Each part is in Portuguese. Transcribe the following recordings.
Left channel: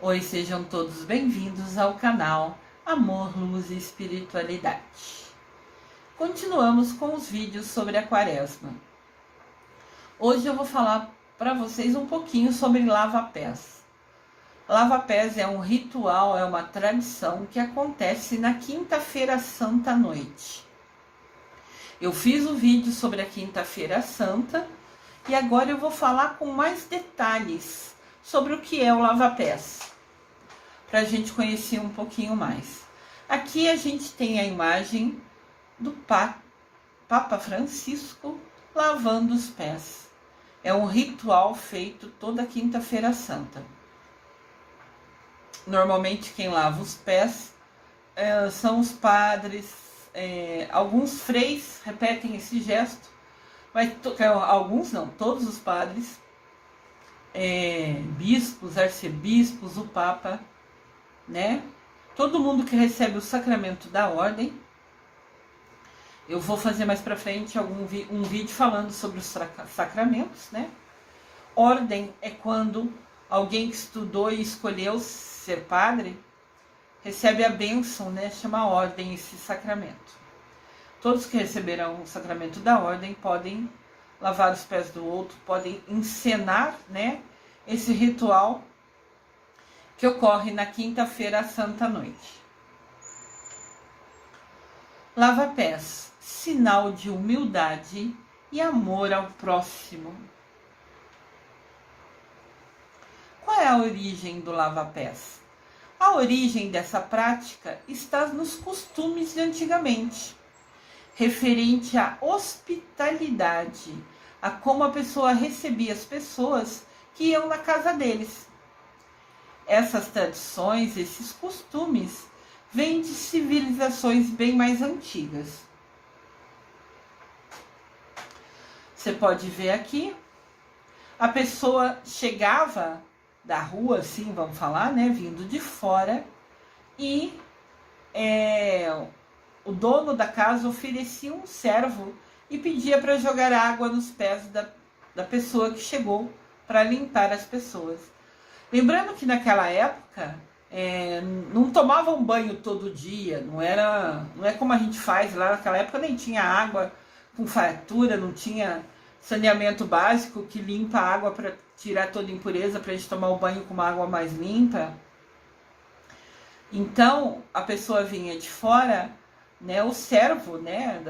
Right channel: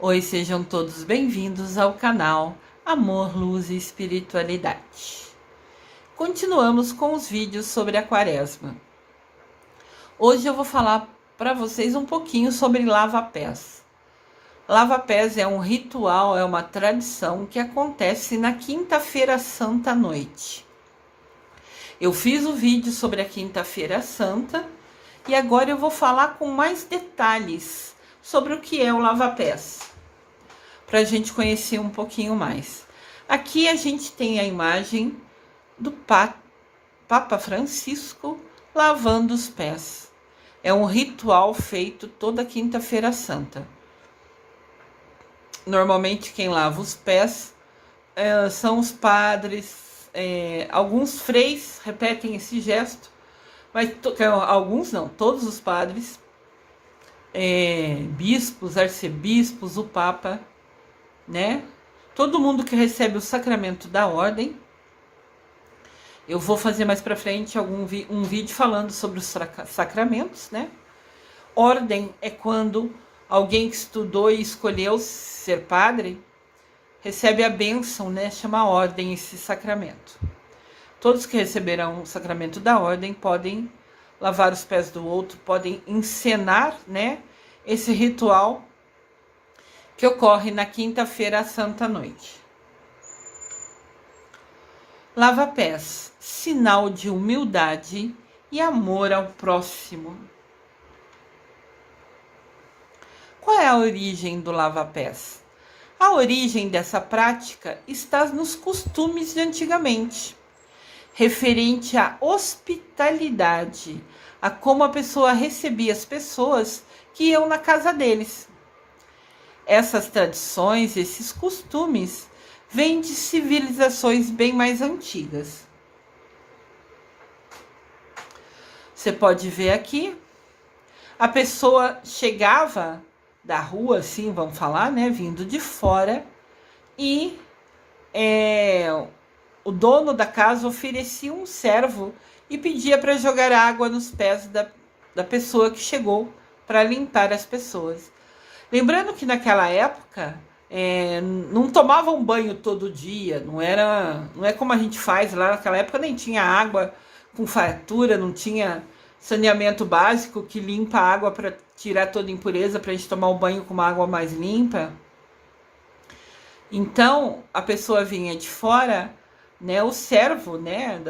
Oi, sejam todos bem-vindos ao canal Amor, Luz e Espiritualidade. Continuamos com os vídeos sobre a Quaresma. Hoje eu vou falar para vocês um pouquinho sobre lava-pés. Lava-pés é um ritual, é uma tradição que acontece na Quinta-feira Santa à noite. Eu fiz o vídeo sobre a Quinta-feira Santa e agora eu vou falar com mais detalhes sobre o que é o lava-pés, para a gente conhecer um pouquinho mais. Aqui a gente tem a imagem do Papa Francisco lavando os pés. É um ritual feito toda Quinta-feira Santa. Normalmente quem lava os pés são os padres, alguns freis repetem esse gesto, mas alguns não, todos os padres, bispos, arcebispos, o Papa, né? Todo mundo que recebe o sacramento da ordem. Eu vou fazer mais pra frente um vídeo falando sobre os sacramentos, né? Ordem é quando alguém que estudou e escolheu ser padre recebe a bênção, né? Chama ordem esse sacramento. Todos que receberão o sacramento da ordem podem lavar os pés do outro, podem encenar, né? Esse ritual que ocorre na Quinta-feira Santa à noite. Lava-pés, sinal de humildade e amor ao próximo. Qual é a origem do lava-pés? A origem dessa prática está nos costumes de antigamente, referente à hospitalidade, a como a pessoa recebia as pessoas que iam na casa deles. Essas tradições, esses costumes, vêm de civilizações bem mais antigas. Você pode ver aqui, a pessoa chegava da rua, assim, vamos falar, né, vindo de fora, e o dono da casa oferecia um servo e pedia para jogar água nos pés da pessoa que chegou para limpar as pessoas. Lembrando que naquela época não tomavam banho todo dia, não é como a gente faz lá naquela época, nem tinha água com fartura, não tinha saneamento básico que limpa a água para tirar toda a impureza, para a gente tomar um banho com uma água mais limpa. Então a pessoa vinha de fora, né, o servo, né,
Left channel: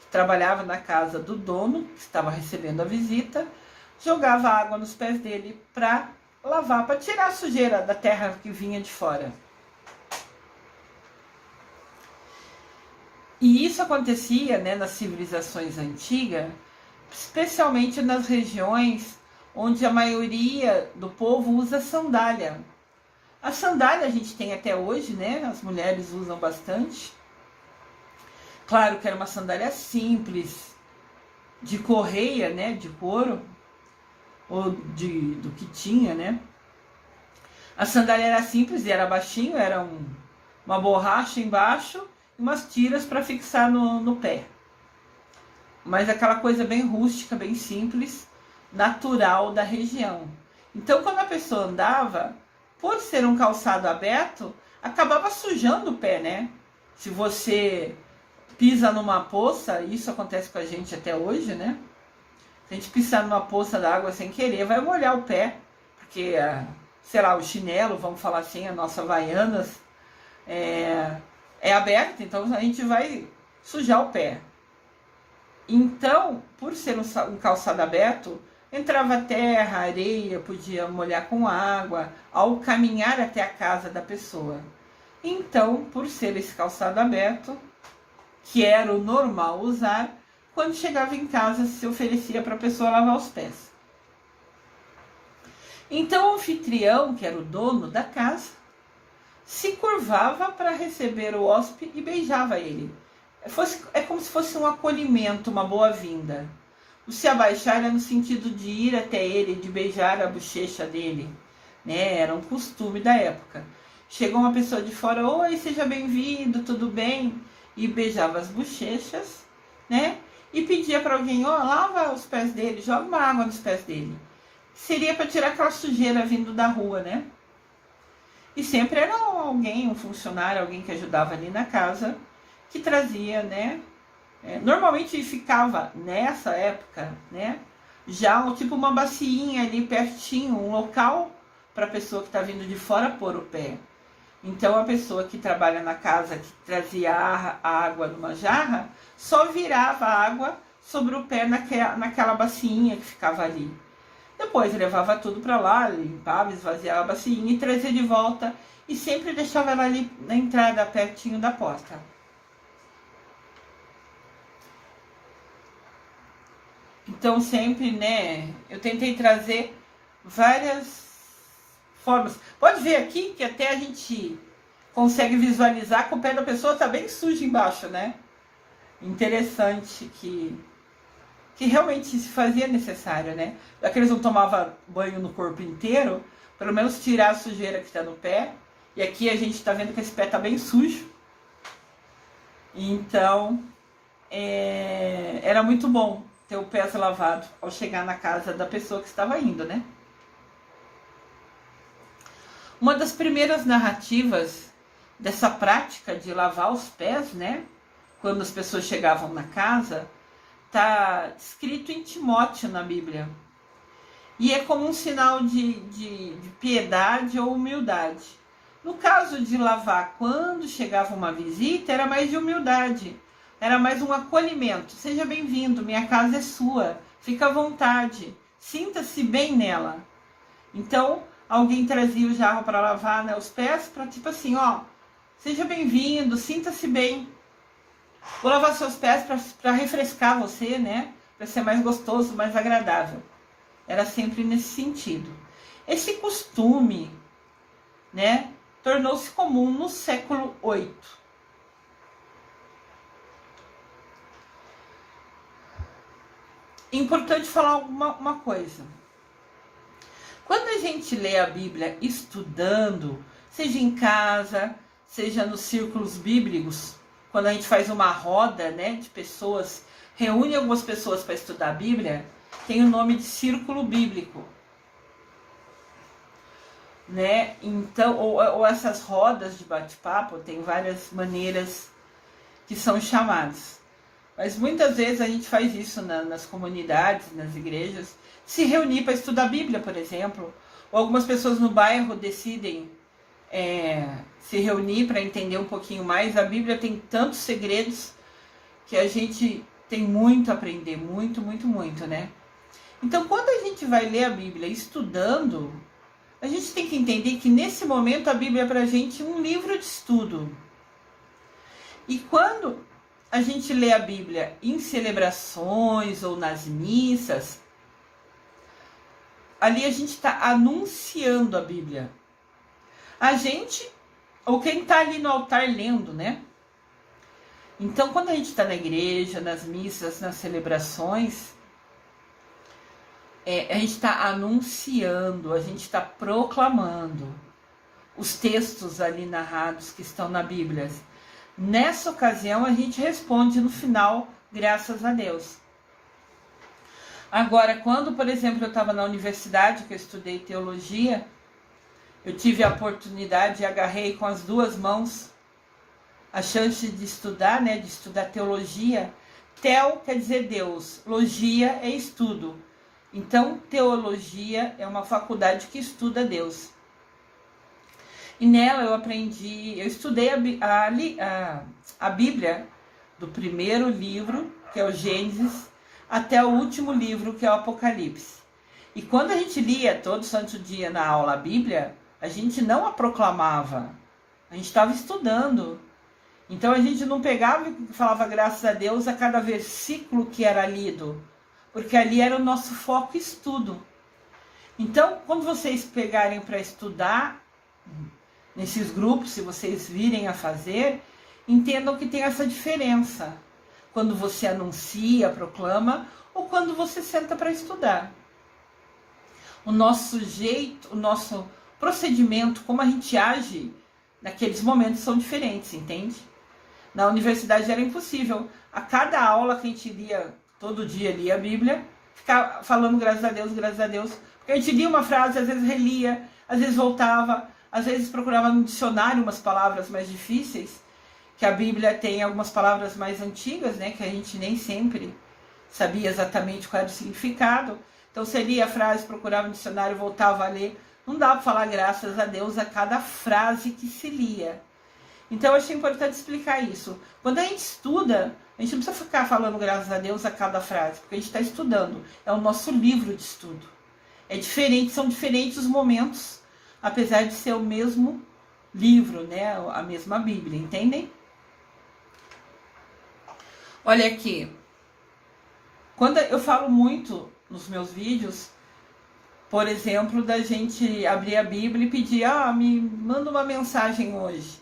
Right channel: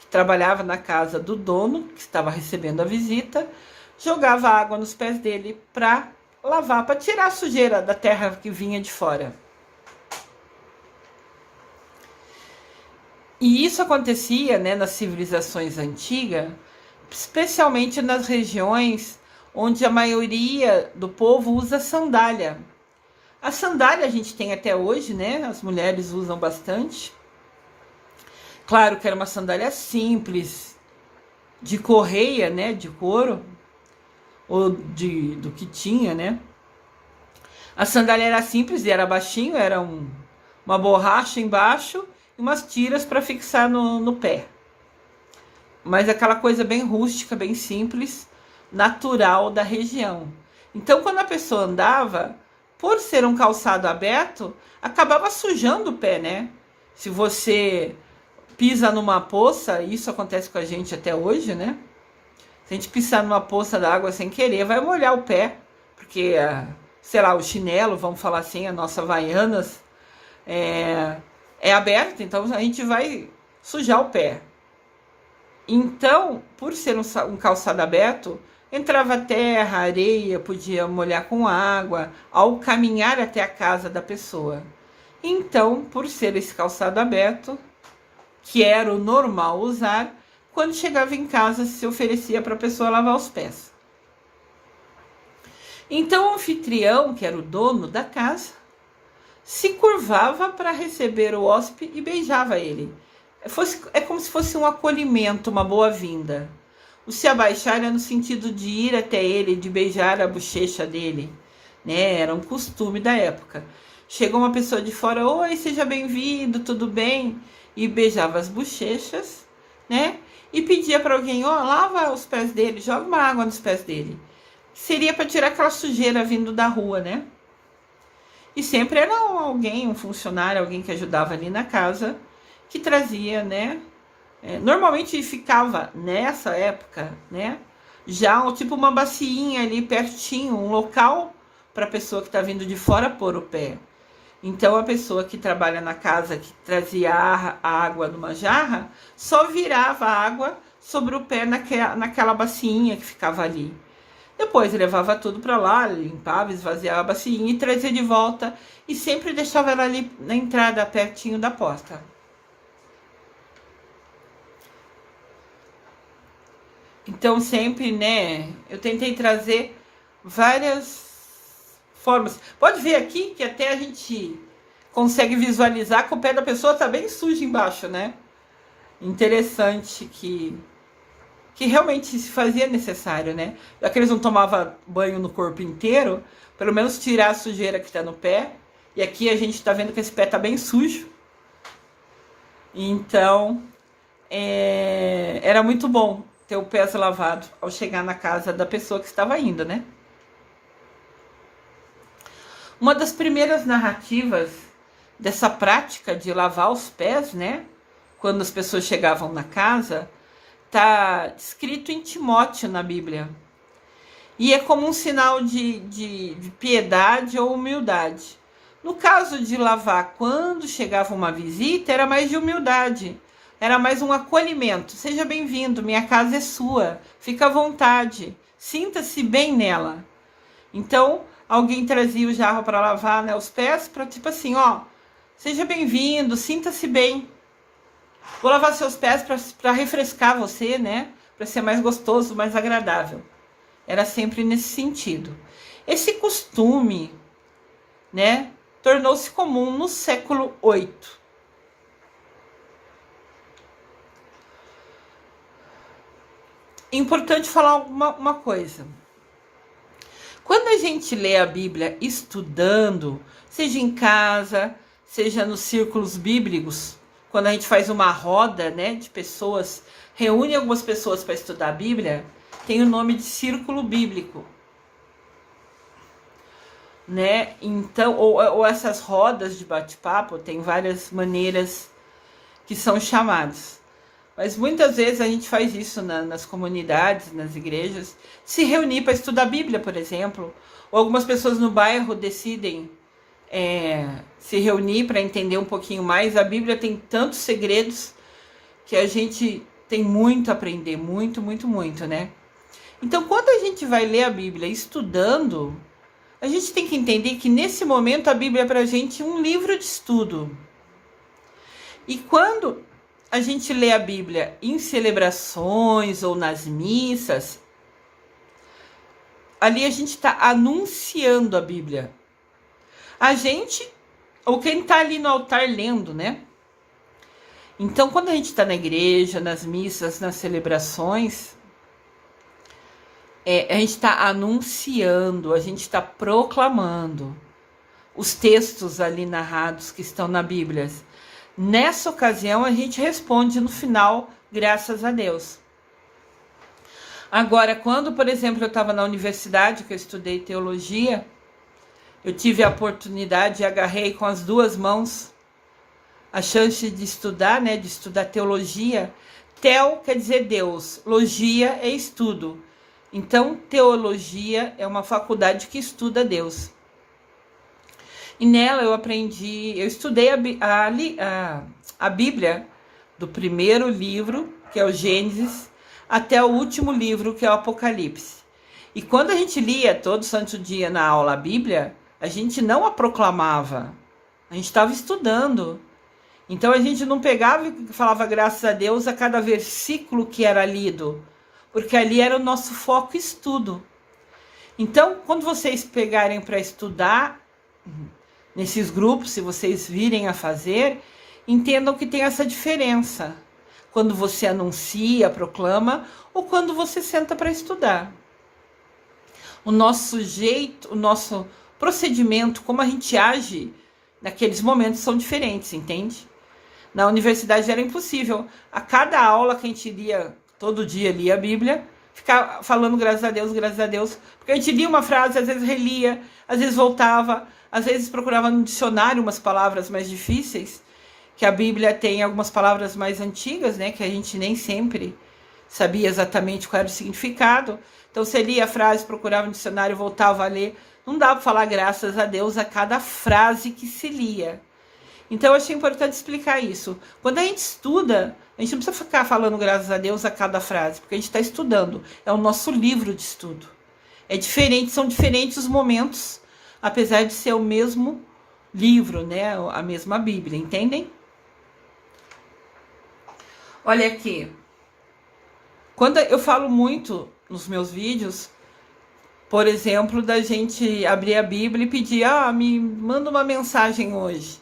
que trabalhava na casa do dono, que estava recebendo a visita, jogava água nos pés dele para lavar, para tirar a sujeira da terra que vinha de fora. E isso acontecia, né, nas civilizações antigas, especialmente nas regiões onde a maioria do povo usa sandália. A sandália a gente tem até hoje, né? As mulheres usam bastante. Claro que era uma sandália simples, de correia, né, de couro, ou do que tinha, né? A sandália era simples e era baixinho, era uma borracha embaixo e umas tiras para fixar no pé. Mas aquela coisa bem rústica, bem simples, natural da região. Então, quando a pessoa andava, por ser um calçado aberto, acabava sujando o pé, né? Se você pisa numa poça, isso acontece com a gente até hoje, né? Se a gente pisar numa poça d'água sem querer, vai molhar o pé, porque, sei lá, o chinelo, vamos falar assim, a nossa Havaianas, é aberto, então a gente vai sujar o pé. Então, por ser um calçado aberto, entrava terra, areia, podia molhar com água, ao caminhar até a casa da pessoa. Então, por ser esse calçado aberto, que era o normal usar, quando chegava em casa, se oferecia para a pessoa lavar os pés. Então, o anfitrião, que era o dono da casa, se curvava para receber o hóspede e beijava ele. É como se fosse um acolhimento, uma boa-vinda. O se abaixar era no sentido de ir até ele, de beijar a bochecha dele, né? Era um costume da época. Chegou uma pessoa de fora, oi, seja bem-vindo, tudo bem? E beijava as bochechas, né? E pedia para alguém, lava os pés dele, joga uma água nos pés dele. seria para tirar aquela sujeira vindo da rua, né? E sempre era alguém, um funcionário, alguém que ajudava ali na casa, que trazia, né? Normalmente ficava nessa época, né? Já tipo uma baciinha ali pertinho, um local para a pessoa que está vindo de fora pôr o pé. Então a pessoa que trabalha na casa, que trazia a água numa jarra, só virava a água sobre o pé naquela baciinha que ficava ali. Depois levava tudo para lá, limpava, esvaziava a baciinha e trazia de volta e sempre deixava ela ali na entrada, pertinho da porta. Então sempre, né, eu tentei trazer várias formas. Pode ver aqui que até a gente consegue visualizar que o pé da pessoa tá bem sujo embaixo, né? Interessante que realmente se fazia necessário, né? Já que eles não tomavam banho no corpo inteiro, pelo menos tirar a sujeira que tá no pé. E aqui a gente tá vendo que esse pé tá bem sujo. Então, era muito bom ter o pé lavado ao chegar na casa da pessoa que estava indo, né? Uma das primeiras narrativas dessa prática de lavar os pés, né? Quando as pessoas chegavam na casa, está escrito em Timóteo na Bíblia. E é como um sinal de piedade ou humildade. No caso de lavar quando chegava uma visita, era mais de humildade. Era mais um acolhimento. Seja bem-vindo, minha casa é sua. Fica à vontade. Sinta-se bem nela. Então, alguém trazia o jarro para lavar, né, os pés, para tipo assim, ó, seja bem-vindo, sinta-se bem. Vou lavar seus pés para refrescar você, né? Para ser mais gostoso, mais agradável. Era sempre nesse sentido. Esse costume, né, tornou-se comum no século VIII. Importante falar uma coisa. Quando a gente lê a Bíblia estudando, seja em casa, seja nos círculos bíblicos, quando a gente faz uma roda, né, de pessoas, reúne algumas pessoas para estudar a Bíblia, tem o nome de círculo bíblico, né? Então, ou essas rodas de bate-papo, tem várias maneiras que são chamadas. Mas muitas vezes a gente faz isso nas comunidades, nas igrejas, se reunir para estudar a Bíblia, por exemplo. Ou algumas pessoas no bairro decidem se reunir para entender um pouquinho mais. A Bíblia tem tantos segredos que a gente tem muito a aprender, muito, muito, muito, né? Então, quando a gente vai ler a Bíblia estudando, a gente tem que entender que nesse momento a Bíblia é para a gente um livro de estudo. E quando a gente lê a Bíblia em celebrações ou nas missas, ali a gente está anunciando a Bíblia. A gente, ou quem está ali no altar lendo, né? Então, quando a gente está na igreja, nas missas, nas celebrações, a gente está anunciando, a gente está proclamando os textos ali narrados que estão na Bíblia. Nessa ocasião, a gente responde no final, graças a Deus. Agora, quando, por exemplo, eu estava na universidade, que eu estudei teologia, eu tive a oportunidade e agarrei com as duas mãos a chance de estudar, né, de estudar teologia. Tel quer dizer Deus, logia é estudo. Então, teologia é uma faculdade que estuda Deus. E nela eu aprendi, eu estudei a Bíblia, do primeiro livro, que é o Gênesis, até o último livro, que é o Apocalipse. E quando a gente lia todo santo dia na aula a Bíblia, a gente não a proclamava, a gente estava estudando. Então a gente não pegava e falava graças a Deus a cada versículo que era lido, porque ali era o nosso foco estudo. Então, quando vocês pegarem para estudar nesses grupos, se vocês virem a fazer, entendam que tem essa diferença. Quando você anuncia, proclama, ou quando você senta para estudar. O nosso jeito, o nosso procedimento, como a gente age naqueles momentos são diferentes, entende? Na universidade era impossível. A cada aula que a gente lia, todo dia lia a Bíblia, ficar falando graças a Deus, porque a gente lia uma frase, às vezes relia, às vezes voltava, às vezes procurava no dicionário umas palavras mais difíceis, que a Bíblia tem algumas palavras mais antigas, né, que a gente nem sempre sabia exatamente qual era o significado. Então você lia a frase, procurava no dicionário, voltava a ler. Não dá para falar graças a Deus a cada frase que se lia. Então eu achei importante explicar isso. Quando a gente estuda, a gente não precisa ficar falando graças a Deus a cada frase, porque a gente está estudando. É o nosso livro de estudo. É diferente, são diferentes os momentos, apesar de ser o mesmo livro, né? A mesma Bíblia, entendem? Olha aqui. Quando eu falo muito nos meus vídeos, por exemplo, da gente abrir a Bíblia e pedir, me manda uma mensagem hoje.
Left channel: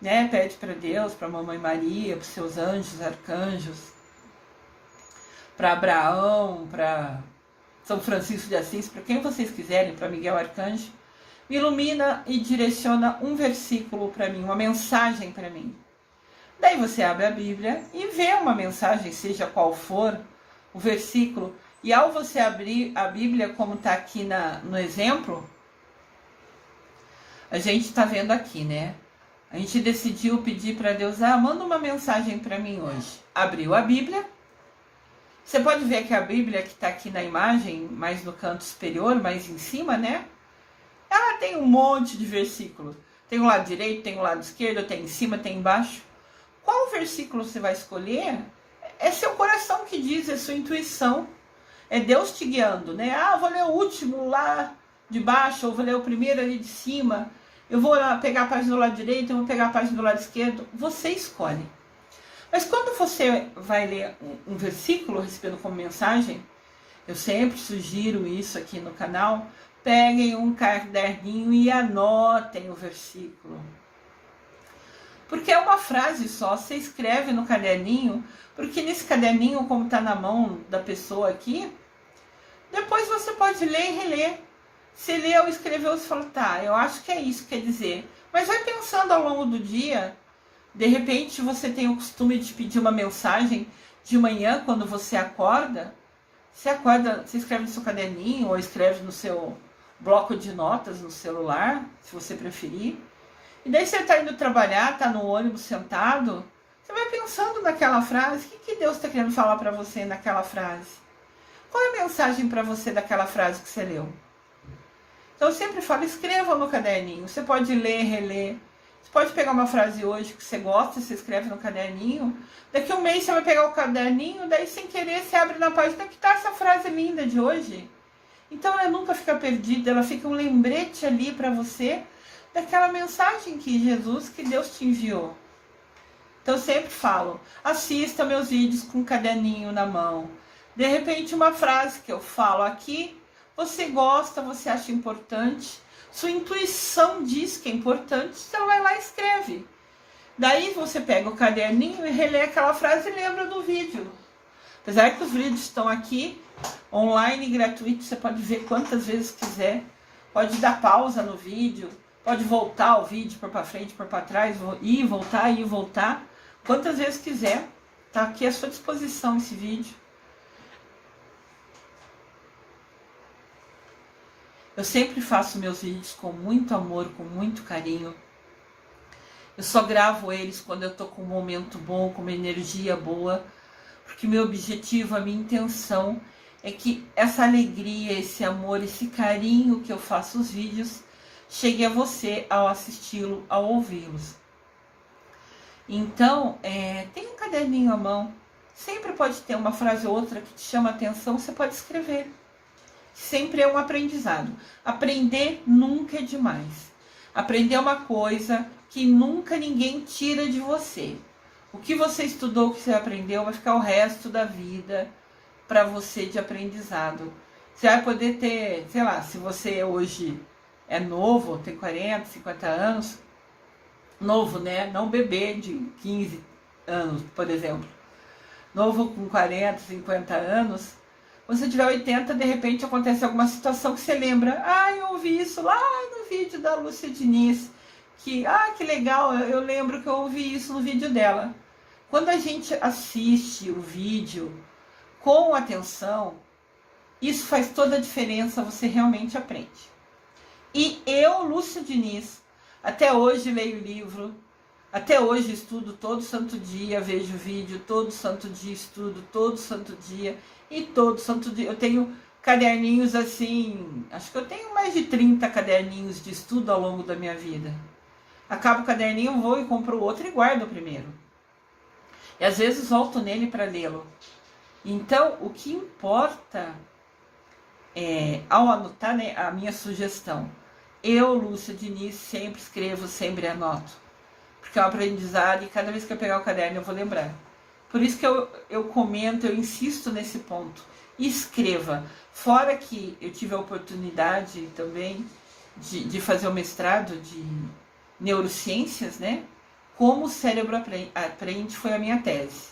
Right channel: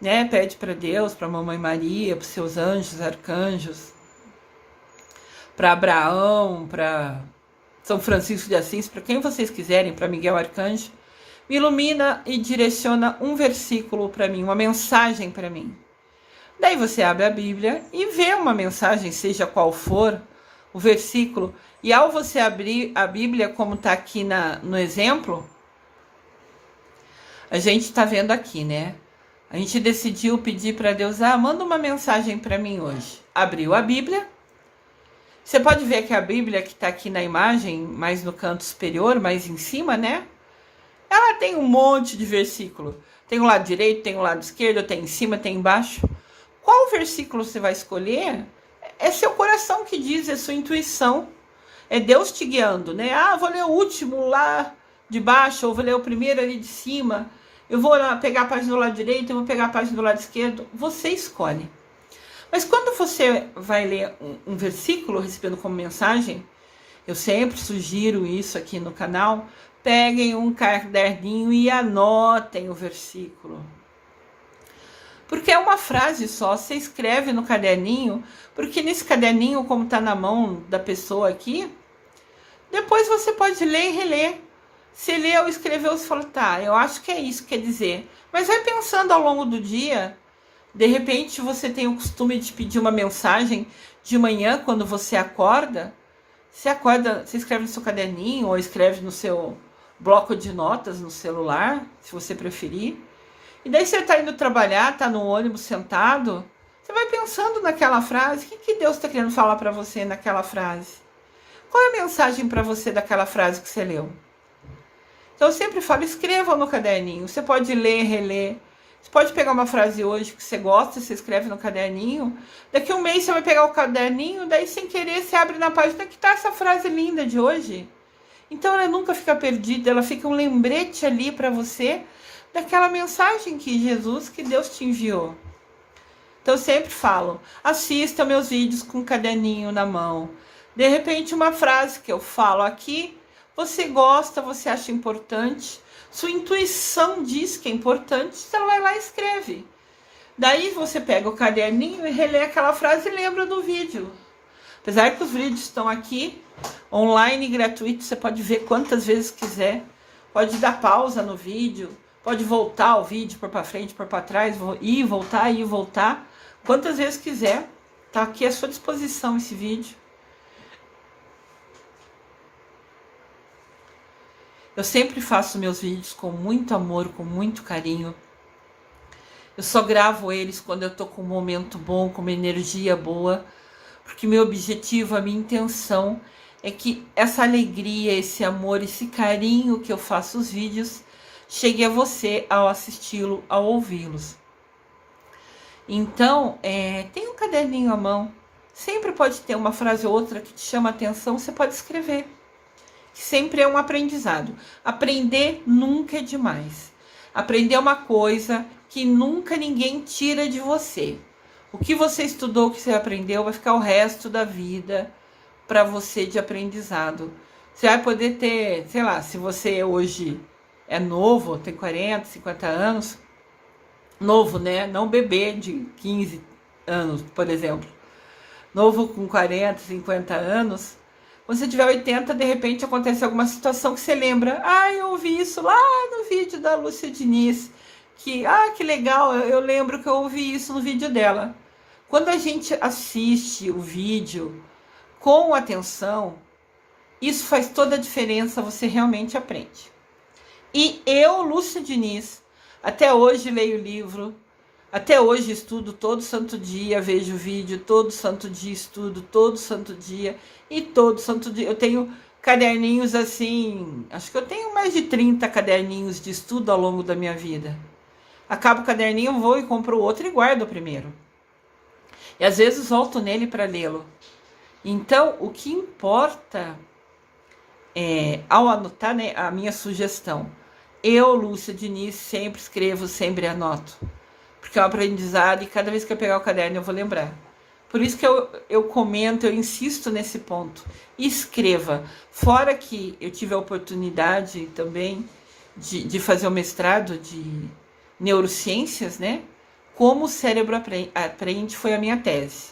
Né? Pede para Deus, para a Mamãe Maria, para os seus anjos, arcanjos, para Abraão, para São Francisco de Assis, para quem vocês quiserem, para Miguel Arcanjo. Me ilumina e direciona um versículo para mim, uma mensagem para mim. Daí você abre a Bíblia e vê uma mensagem, seja qual for o versículo. E ao você abrir a Bíblia, como está aqui no exemplo, a gente está vendo aqui, né? A gente decidiu pedir para Deus, manda uma mensagem para mim hoje. Abriu a Bíblia. Você pode ver que a Bíblia que está aqui na imagem, mais no canto superior, mais em cima, né? Ela tem um monte de versículo. Tem o lado direito, tem o lado esquerdo, tem em cima, tem embaixo. Qual versículo você vai escolher? É seu coração que diz, é sua intuição. É Deus te guiando, né? Vou ler o último lá de baixo, ou vou ler o primeiro ali de cima. Eu vou pegar a página do lado direito, eu vou pegar a página do lado esquerdo. Você escolhe. Mas quando você vai ler um versículo recebendo como mensagem, eu sempre sugiro isso aqui no canal, peguem um caderninho e anotem o versículo. Porque é uma frase só, você escreve no caderninho, porque nesse caderninho, como está na mão da pessoa aqui, depois você pode ler e reler. Você leu, escreveu, você fala, eu acho que é isso que quer dizer. Mas vai pensando ao longo do dia, de repente você tem o costume de pedir uma mensagem de manhã, quando você acorda, você escreve no seu caderninho, ou escreve no seu bloco de notas no celular, se você preferir. E daí você está indo trabalhar, está no ônibus sentado, você vai pensando naquela frase, o que Deus está querendo falar para você naquela frase? Qual é a mensagem para você daquela frase que você leu? Então eu sempre falo, escreva no caderninho. Você pode ler, reler. Você pode pegar uma frase hoje que você gosta, você escreve no caderninho. Daqui a um mês você vai pegar o caderninho, daí sem querer você abre na página que está essa frase linda de hoje. Então ela nunca fica perdida, ela fica um lembrete ali para você daquela mensagem que Jesus, que Deus te enviou. Então eu sempre falo, assista meus vídeos com um caderninho na mão. De repente uma frase que eu falo aqui, você gosta, você acha importante, sua intuição diz que é importante, você vai lá e escreve. Daí você pega o caderninho e relê aquela frase e lembra do vídeo. Apesar que os vídeos estão aqui, online, gratuito, você pode ver quantas vezes quiser. Pode dar pausa no vídeo, pode voltar o vídeo, pôr para frente, pôr para trás, ir e voltar. Quantas vezes quiser, tá aqui à sua disposição esse vídeo. Eu sempre faço meus vídeos com muito amor, com muito carinho. Eu só gravo eles quando eu tô com um momento bom, com uma energia boa, porque meu objetivo, a minha intenção é que essa alegria, esse amor, esse carinho que eu faço os vídeos chegue a você ao assisti-lo, ao ouvi-los. Então, tem um caderninho à mão, sempre pode ter uma frase ou outra que te chama a atenção, você pode escrever. Sempre é um aprendizado. Aprender nunca é demais. Aprender é uma coisa que nunca ninguém tira de você. O que você estudou, o que você aprendeu, vai ficar o resto da vida para você de aprendizado. Você vai poder ter, sei lá, se você hoje é novo, tem 40, 50 anos, novo, né? Não bebê de 15 anos, por exemplo. Novo com 40, 50 anos. Quando você tiver 80, de repente acontece alguma situação que você lembra. Eu ouvi isso lá no vídeo da Lúcia Diniz. Que legal, eu lembro que eu ouvi isso no vídeo dela. Quando a gente assiste o vídeo com atenção, Isso faz toda a diferença, você realmente aprende. E eu, Lúcia Diniz, até hoje leio livro, até hoje estudo todo santo dia, vejo vídeo, todo santo dia estudo, todo santo dia, e todo santo dia eu tenho caderninhos assim, acho que eu tenho mais de 30 caderninhos de estudo ao longo da minha vida. Acabo o caderninho, vou e compro outro e guardo o primeiro. E às vezes volto nele para lê-lo. Então, o que importa ao anotar, né, a minha sugestão, eu, Lúcia Diniz, sempre escrevo, sempre anoto. Porque é um aprendizado e cada vez que eu pegar o caderno eu vou lembrar. Por isso que eu comento, eu insisto nesse ponto. Escreva. Fora que eu tive a oportunidade também de fazer o mestrado de neurociências, né? Como o cérebro aprende foi a minha tese.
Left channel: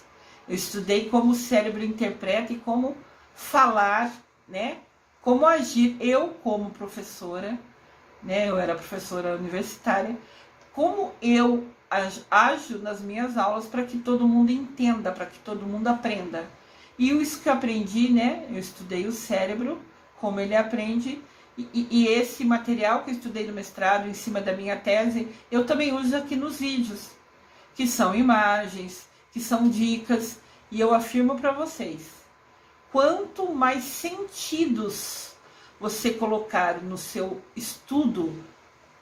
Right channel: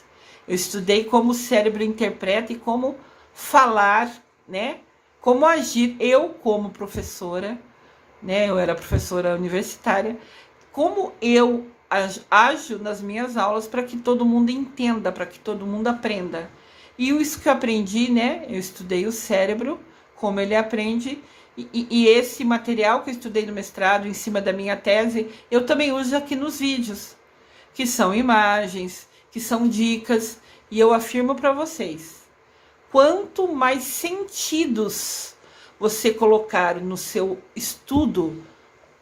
Eu estudei como o cérebro interpreta e como falar, né? Como agir. Eu, como professora, né? Eu era professora universitária. Como eu ajo nas minhas aulas para que todo mundo entenda, para que todo mundo aprenda. E isso que eu aprendi, né? Eu estudei o cérebro, como ele aprende, e esse material que eu estudei no mestrado, em cima da minha tese, eu também uso aqui nos vídeos, que são imagens, que são dicas, e eu afirmo para vocês, quanto mais sentidos você colocar no seu estudo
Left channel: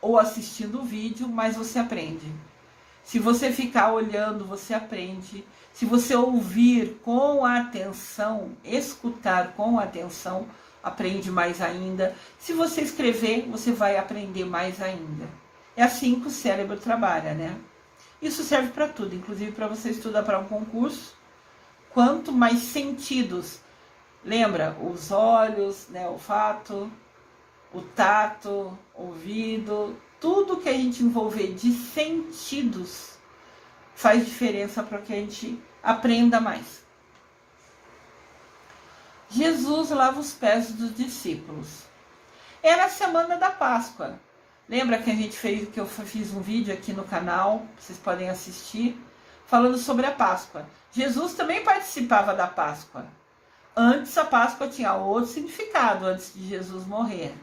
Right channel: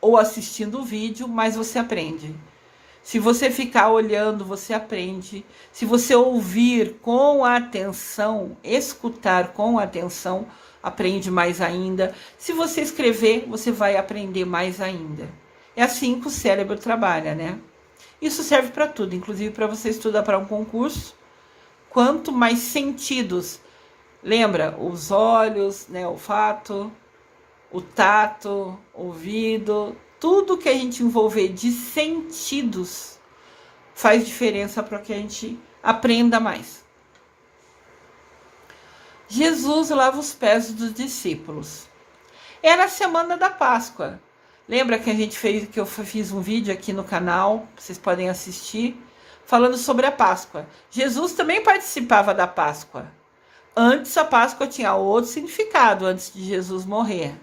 ou assistindo o vídeo, mais você aprende. Se você ficar olhando, você aprende. Se você ouvir com atenção, escutar com atenção, aprende mais ainda. Se você escrever, você vai aprender mais ainda. É assim que o cérebro trabalha, né? Isso serve para tudo, inclusive para você estudar para um concurso. Quanto mais sentidos, lembra, os olhos, né, o olfato, o tato, o ouvido, tudo que a gente envolver de sentidos faz diferença para que a gente aprenda mais. Jesus lava os pés dos discípulos. Era a semana da Páscoa. Lembra que eu fiz um vídeo aqui no canal, vocês podem assistir, falando sobre a Páscoa. Jesus também participava da Páscoa. Antes a Páscoa tinha outro significado, antes de Jesus morrer.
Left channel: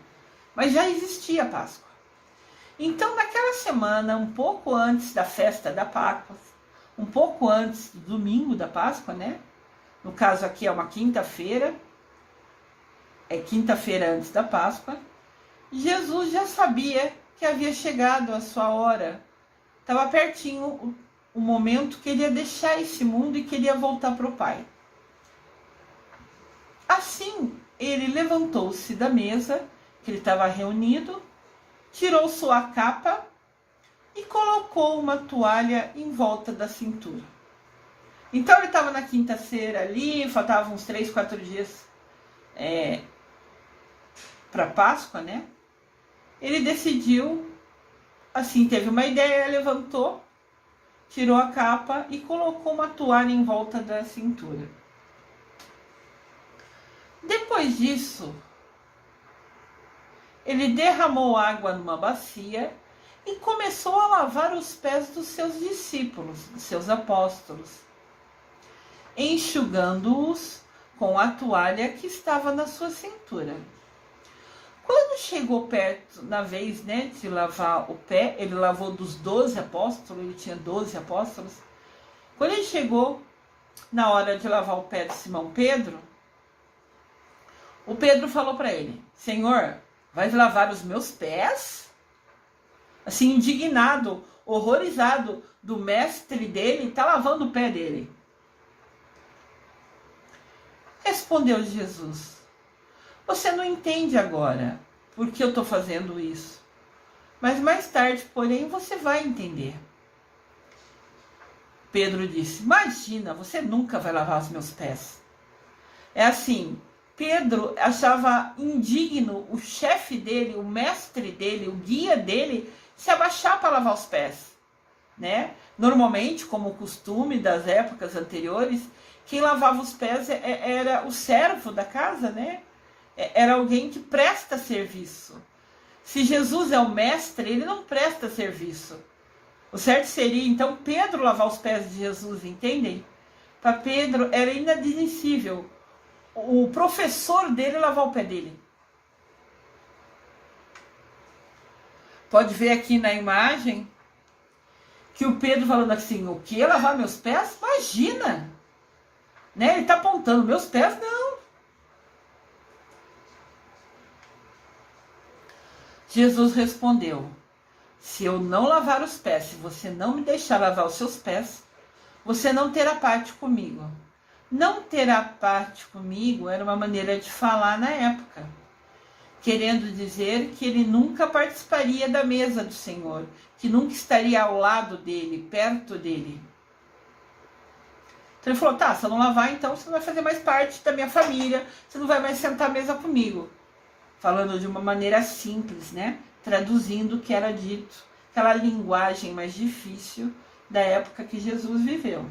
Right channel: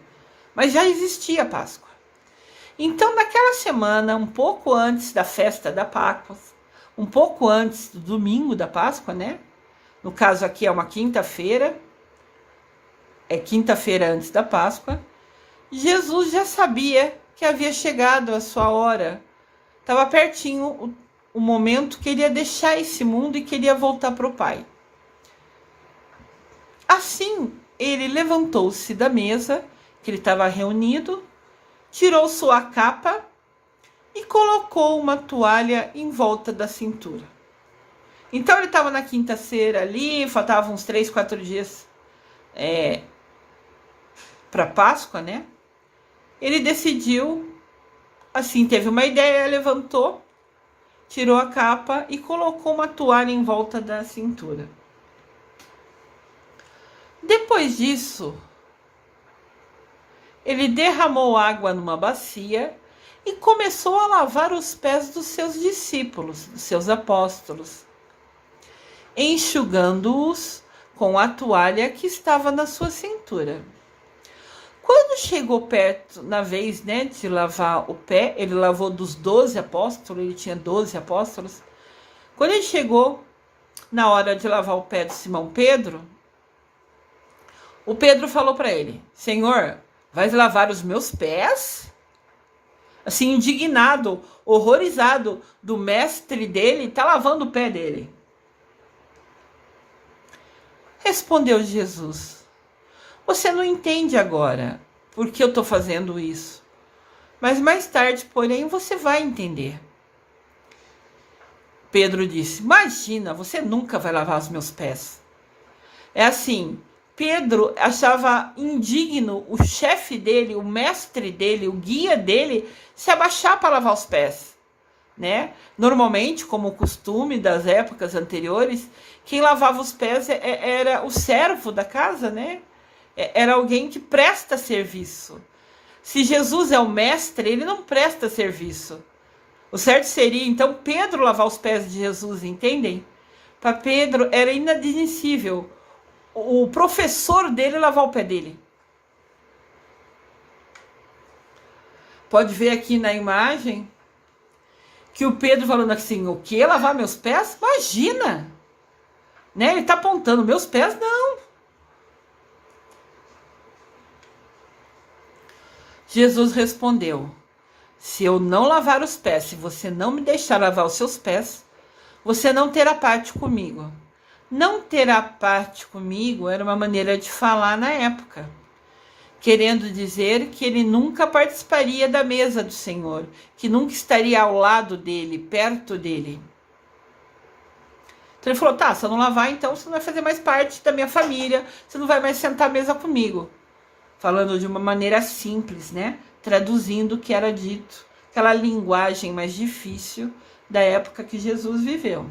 Mas já existia a Páscoa. Então, naquela semana, um pouco antes da festa da Páscoa, um pouco antes do domingo da Páscoa, né? No caso aqui é uma quinta-feira, é quinta-feira antes da Páscoa, Jesus já sabia que havia chegado a sua hora. Estava pertinho o momento que ele ia deixar esse mundo e queria voltar para o Pai. Assim, ele levantou-se da mesa, que ele estava reunido, tirou sua capa e colocou uma toalha em volta da cintura. Então ele estava na quinta-feira ali, faltavam uns 3, 4 dias para Páscoa, né? Ele decidiu, assim, teve uma ideia, levantou, tirou a capa e colocou uma toalha em volta da cintura. Depois disso, ele derramou água numa bacia e começou a lavar os pés dos seus discípulos, dos seus apóstolos, enxugando-os com a toalha que estava na sua cintura. Quando chegou perto, na vez, né, de lavar o pé, ele lavou dos 12 apóstolos, ele tinha 12 apóstolos. Quando ele chegou na hora de lavar o pé de Simão Pedro, o Pedro falou para ele: Senhor, vais lavar os meus pés? Assim, indignado, horrorizado do mestre dele, está lavando o pé dele. Respondeu Jesus: você não entende agora porque eu estou fazendo isso, mas mais tarde, porém, você vai entender. Pedro disse: imagina, você nunca vai lavar os meus pés. É assim, Pedro achava indigno o chefe dele, o mestre dele, o guia dele, se abaixar para lavar os pés, né? Normalmente, como o costume das épocas anteriores, quem lavava os pés era o servo da casa, né? Era alguém que presta serviço. Se Jesus é o mestre, ele não presta serviço. O certo seria, então, Pedro lavar os pés de Jesus, entendem? Para Pedro era inadmissível o professor dele lavar o pé dele. Pode ver aqui na imagem que o Pedro falando assim, o que? Lavar meus pés? Imagina! Né? Ele está apontando, meus pés não. Jesus respondeu, se eu não lavar os pés, se você não me deixar lavar os seus pés, você não terá parte comigo. Não terá parte comigo era uma maneira de falar na época, querendo dizer que ele nunca participaria da mesa do Senhor, que nunca estaria ao lado dele, perto dele. Então ele falou, tá, se eu não lavar, então você não vai fazer mais parte da minha família, você não vai mais sentar à mesa comigo. Falando de uma maneira simples, né? Traduzindo o que era dito, aquela linguagem mais difícil da época que Jesus viveu.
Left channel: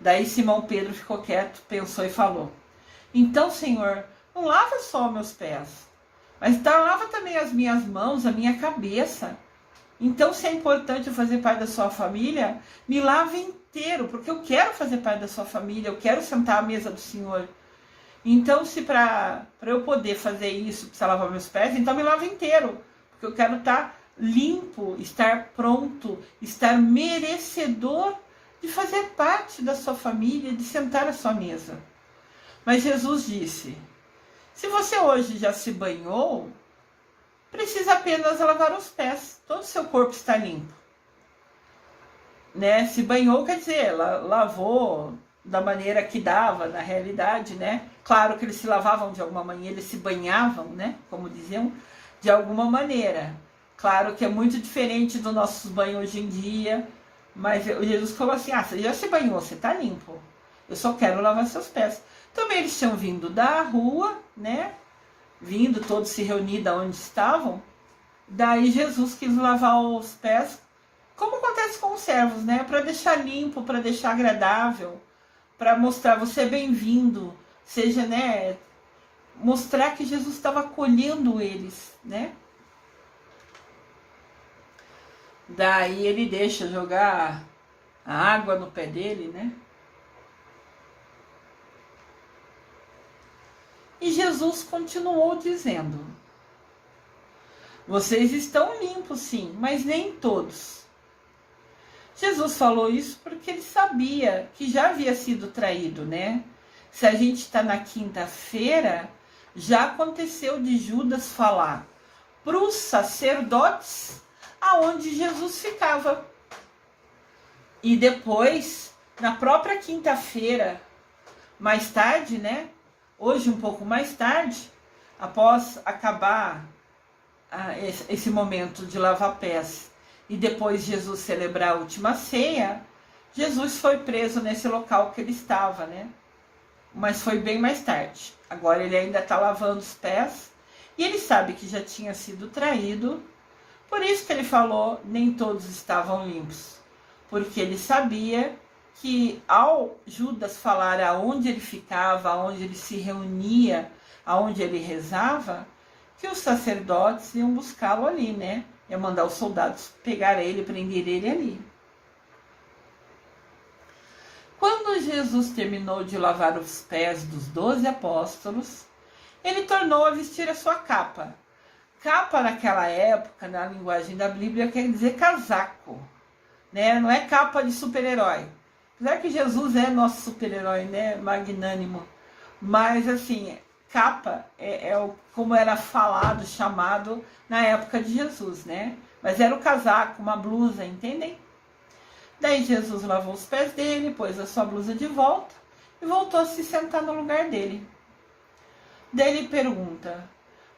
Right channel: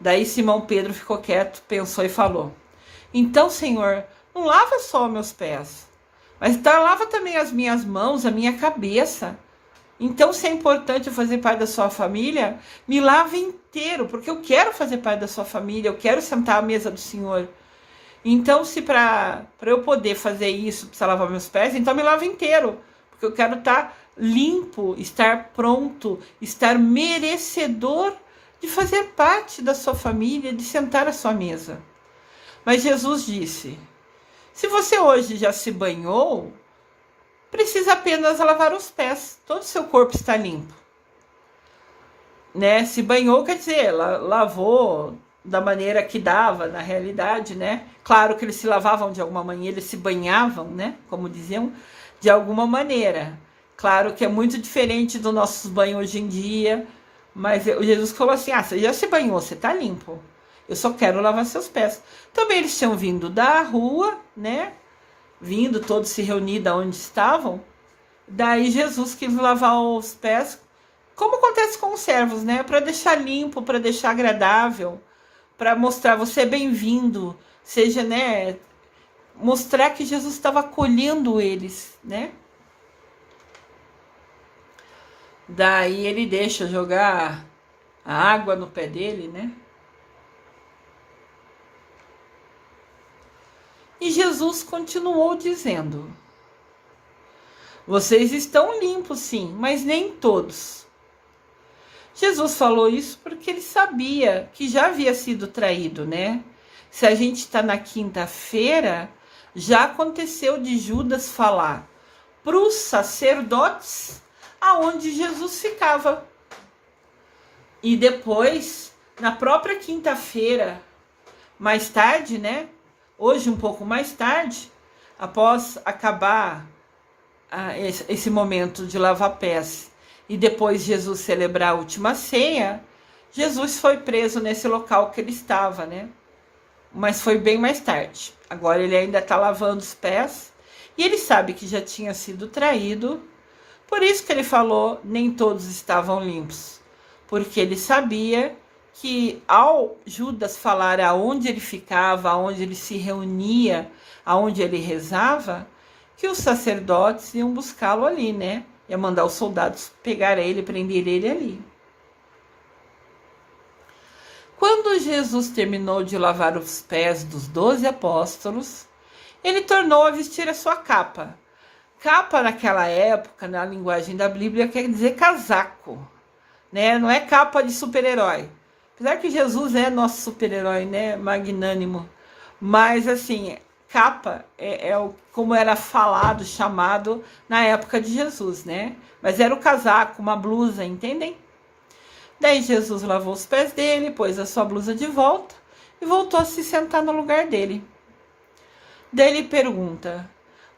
Daí Simão Pedro ficou quieto, pensou e falou, então, Senhor, não lava só meus pés, mas então lava também as minhas mãos, a minha cabeça. Então, se é importante eu fazer parte da sua família, me lave inteiro, porque eu quero fazer parte da sua família, eu quero sentar à mesa do Senhor. Então, se para eu poder fazer isso, precisa lavar meus pés, então me lave inteiro, porque eu quero estar limpo, estar pronto, estar merecedor de fazer parte da sua família, de sentar à sua mesa. Mas Jesus disse, se você hoje já se banhou, precisa apenas lavar os pés, todo o seu corpo está limpo. Né? Se banhou, quer dizer, lavou da maneira que dava, na realidade, né? Claro que eles se lavavam de alguma maneira, eles se banhavam, né? Como diziam, de alguma maneira. Claro que é muito diferente do nosso banho hoje em dia, mas Jesus falou assim, você já se banhou, você está limpo. Eu só quero lavar seus pés. Também eles tinham vindo da rua, né? Vindo, todos se reunidos onde estavam. Daí Jesus quis lavar os pés, como acontece com os servos, né? Para deixar limpo, para deixar agradável, para mostrar você é bem-vindo, seja, né? Mostrar que Jesus estava acolhendo eles, né? Daí ele deixa jogar a água no pé dele, né? E Jesus continuou dizendo, vocês estão limpos sim, mas nem todos. Jesus falou isso porque ele sabia que já havia sido traído, né? Se a gente está na quinta-feira, já aconteceu de Judas falar para os sacerdotes aonde Jesus ficava. E depois, na própria quinta-feira, mais tarde, né? Hoje, um pouco mais tarde, após acabar esse momento de lavar pés e depois Jesus celebrar a última ceia, Jesus foi preso nesse local que ele estava, né? Mas foi bem mais tarde. Agora ele ainda está lavando os pés e ele sabe que já tinha sido traído. Por isso que ele falou, nem todos estavam limpos. Porque ele sabia que ao Judas falar aonde ele ficava, aonde ele se reunia, aonde ele rezava, que os sacerdotes iam buscá-lo ali, né? Ia mandar os soldados pegar ele, prender ele ali. Quando Jesus terminou de lavar os pés dos 12 apóstolos, ele tornou a vestir a sua capa. Capa naquela época, na linguagem da Bíblia, quer dizer casaco, né? Não é capa de super-herói. Apesar que Jesus é nosso super-herói, né? Magnânimo. Mas, assim, capa como era falado, chamado na época de Jesus, né? Mas era o casaco, uma blusa, entendem? Daí Jesus lavou os pés dele, pôs a sua blusa de volta e voltou a se sentar no lugar dele. Daí ele pergunta,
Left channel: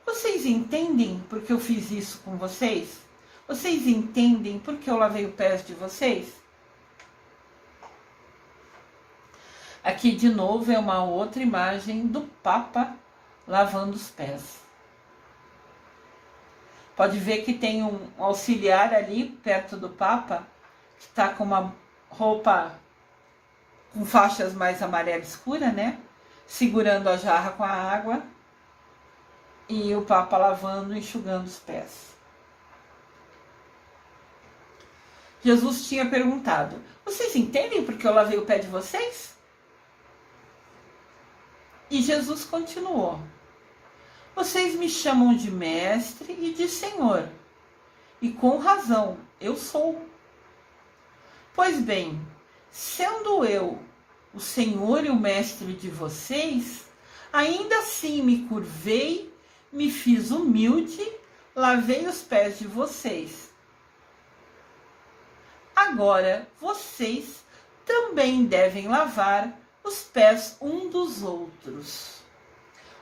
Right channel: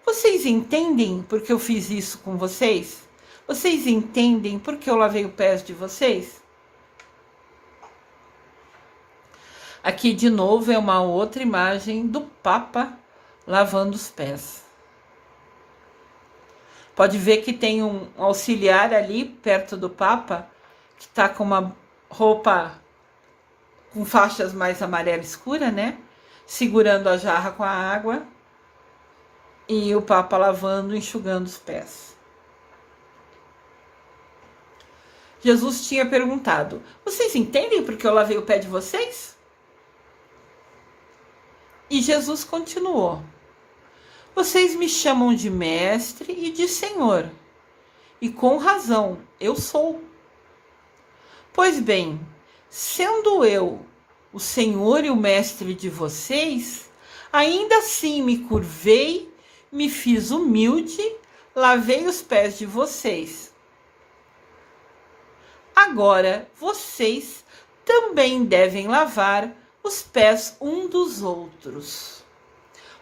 vocês entendem por que eu fiz isso com vocês? Vocês entendem por que eu lavei os pés de vocês? Aqui de novo é uma outra imagem do Papa lavando os pés. Pode ver que tem um auxiliar ali perto do Papa, que está com uma roupa com faixas mais amarela escura, né? Segurando a jarra com a água. E o Papa lavando, enxugando os pés. Jesus tinha perguntado, vocês entendem por que eu lavei o pé de vocês? E Jesus continuou: vocês me chamam de mestre e de senhor, e com razão, eu sou. Pois bem, sendo eu o senhor e o mestre de vocês, ainda assim me curvei, me fiz humilde, lavei os pés de vocês. Agora vocês também devem lavar os pés um dos outros.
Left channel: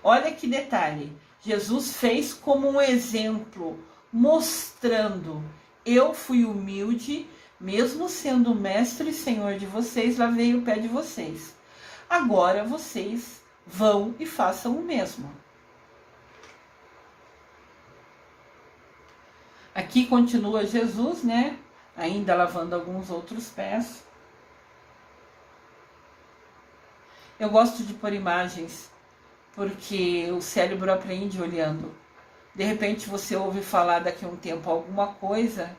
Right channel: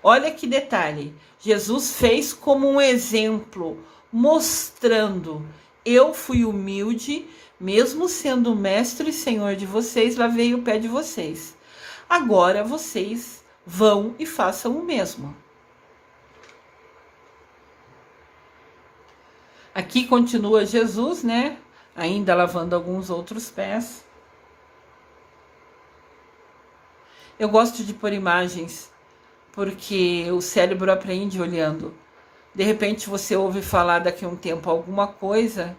Olha que detalhe, Jesus fez como um exemplo, mostrando: eu fui humilde, mesmo sendo mestre e senhor de vocês, lavei o pé de vocês. Agora vocês vão e façam o mesmo. Aqui continua Jesus, né? Ainda lavando alguns outros pés. Eu gosto de pôr imagens, porque o cérebro aprende olhando. De repente você ouve falar daqui a um tempo alguma coisa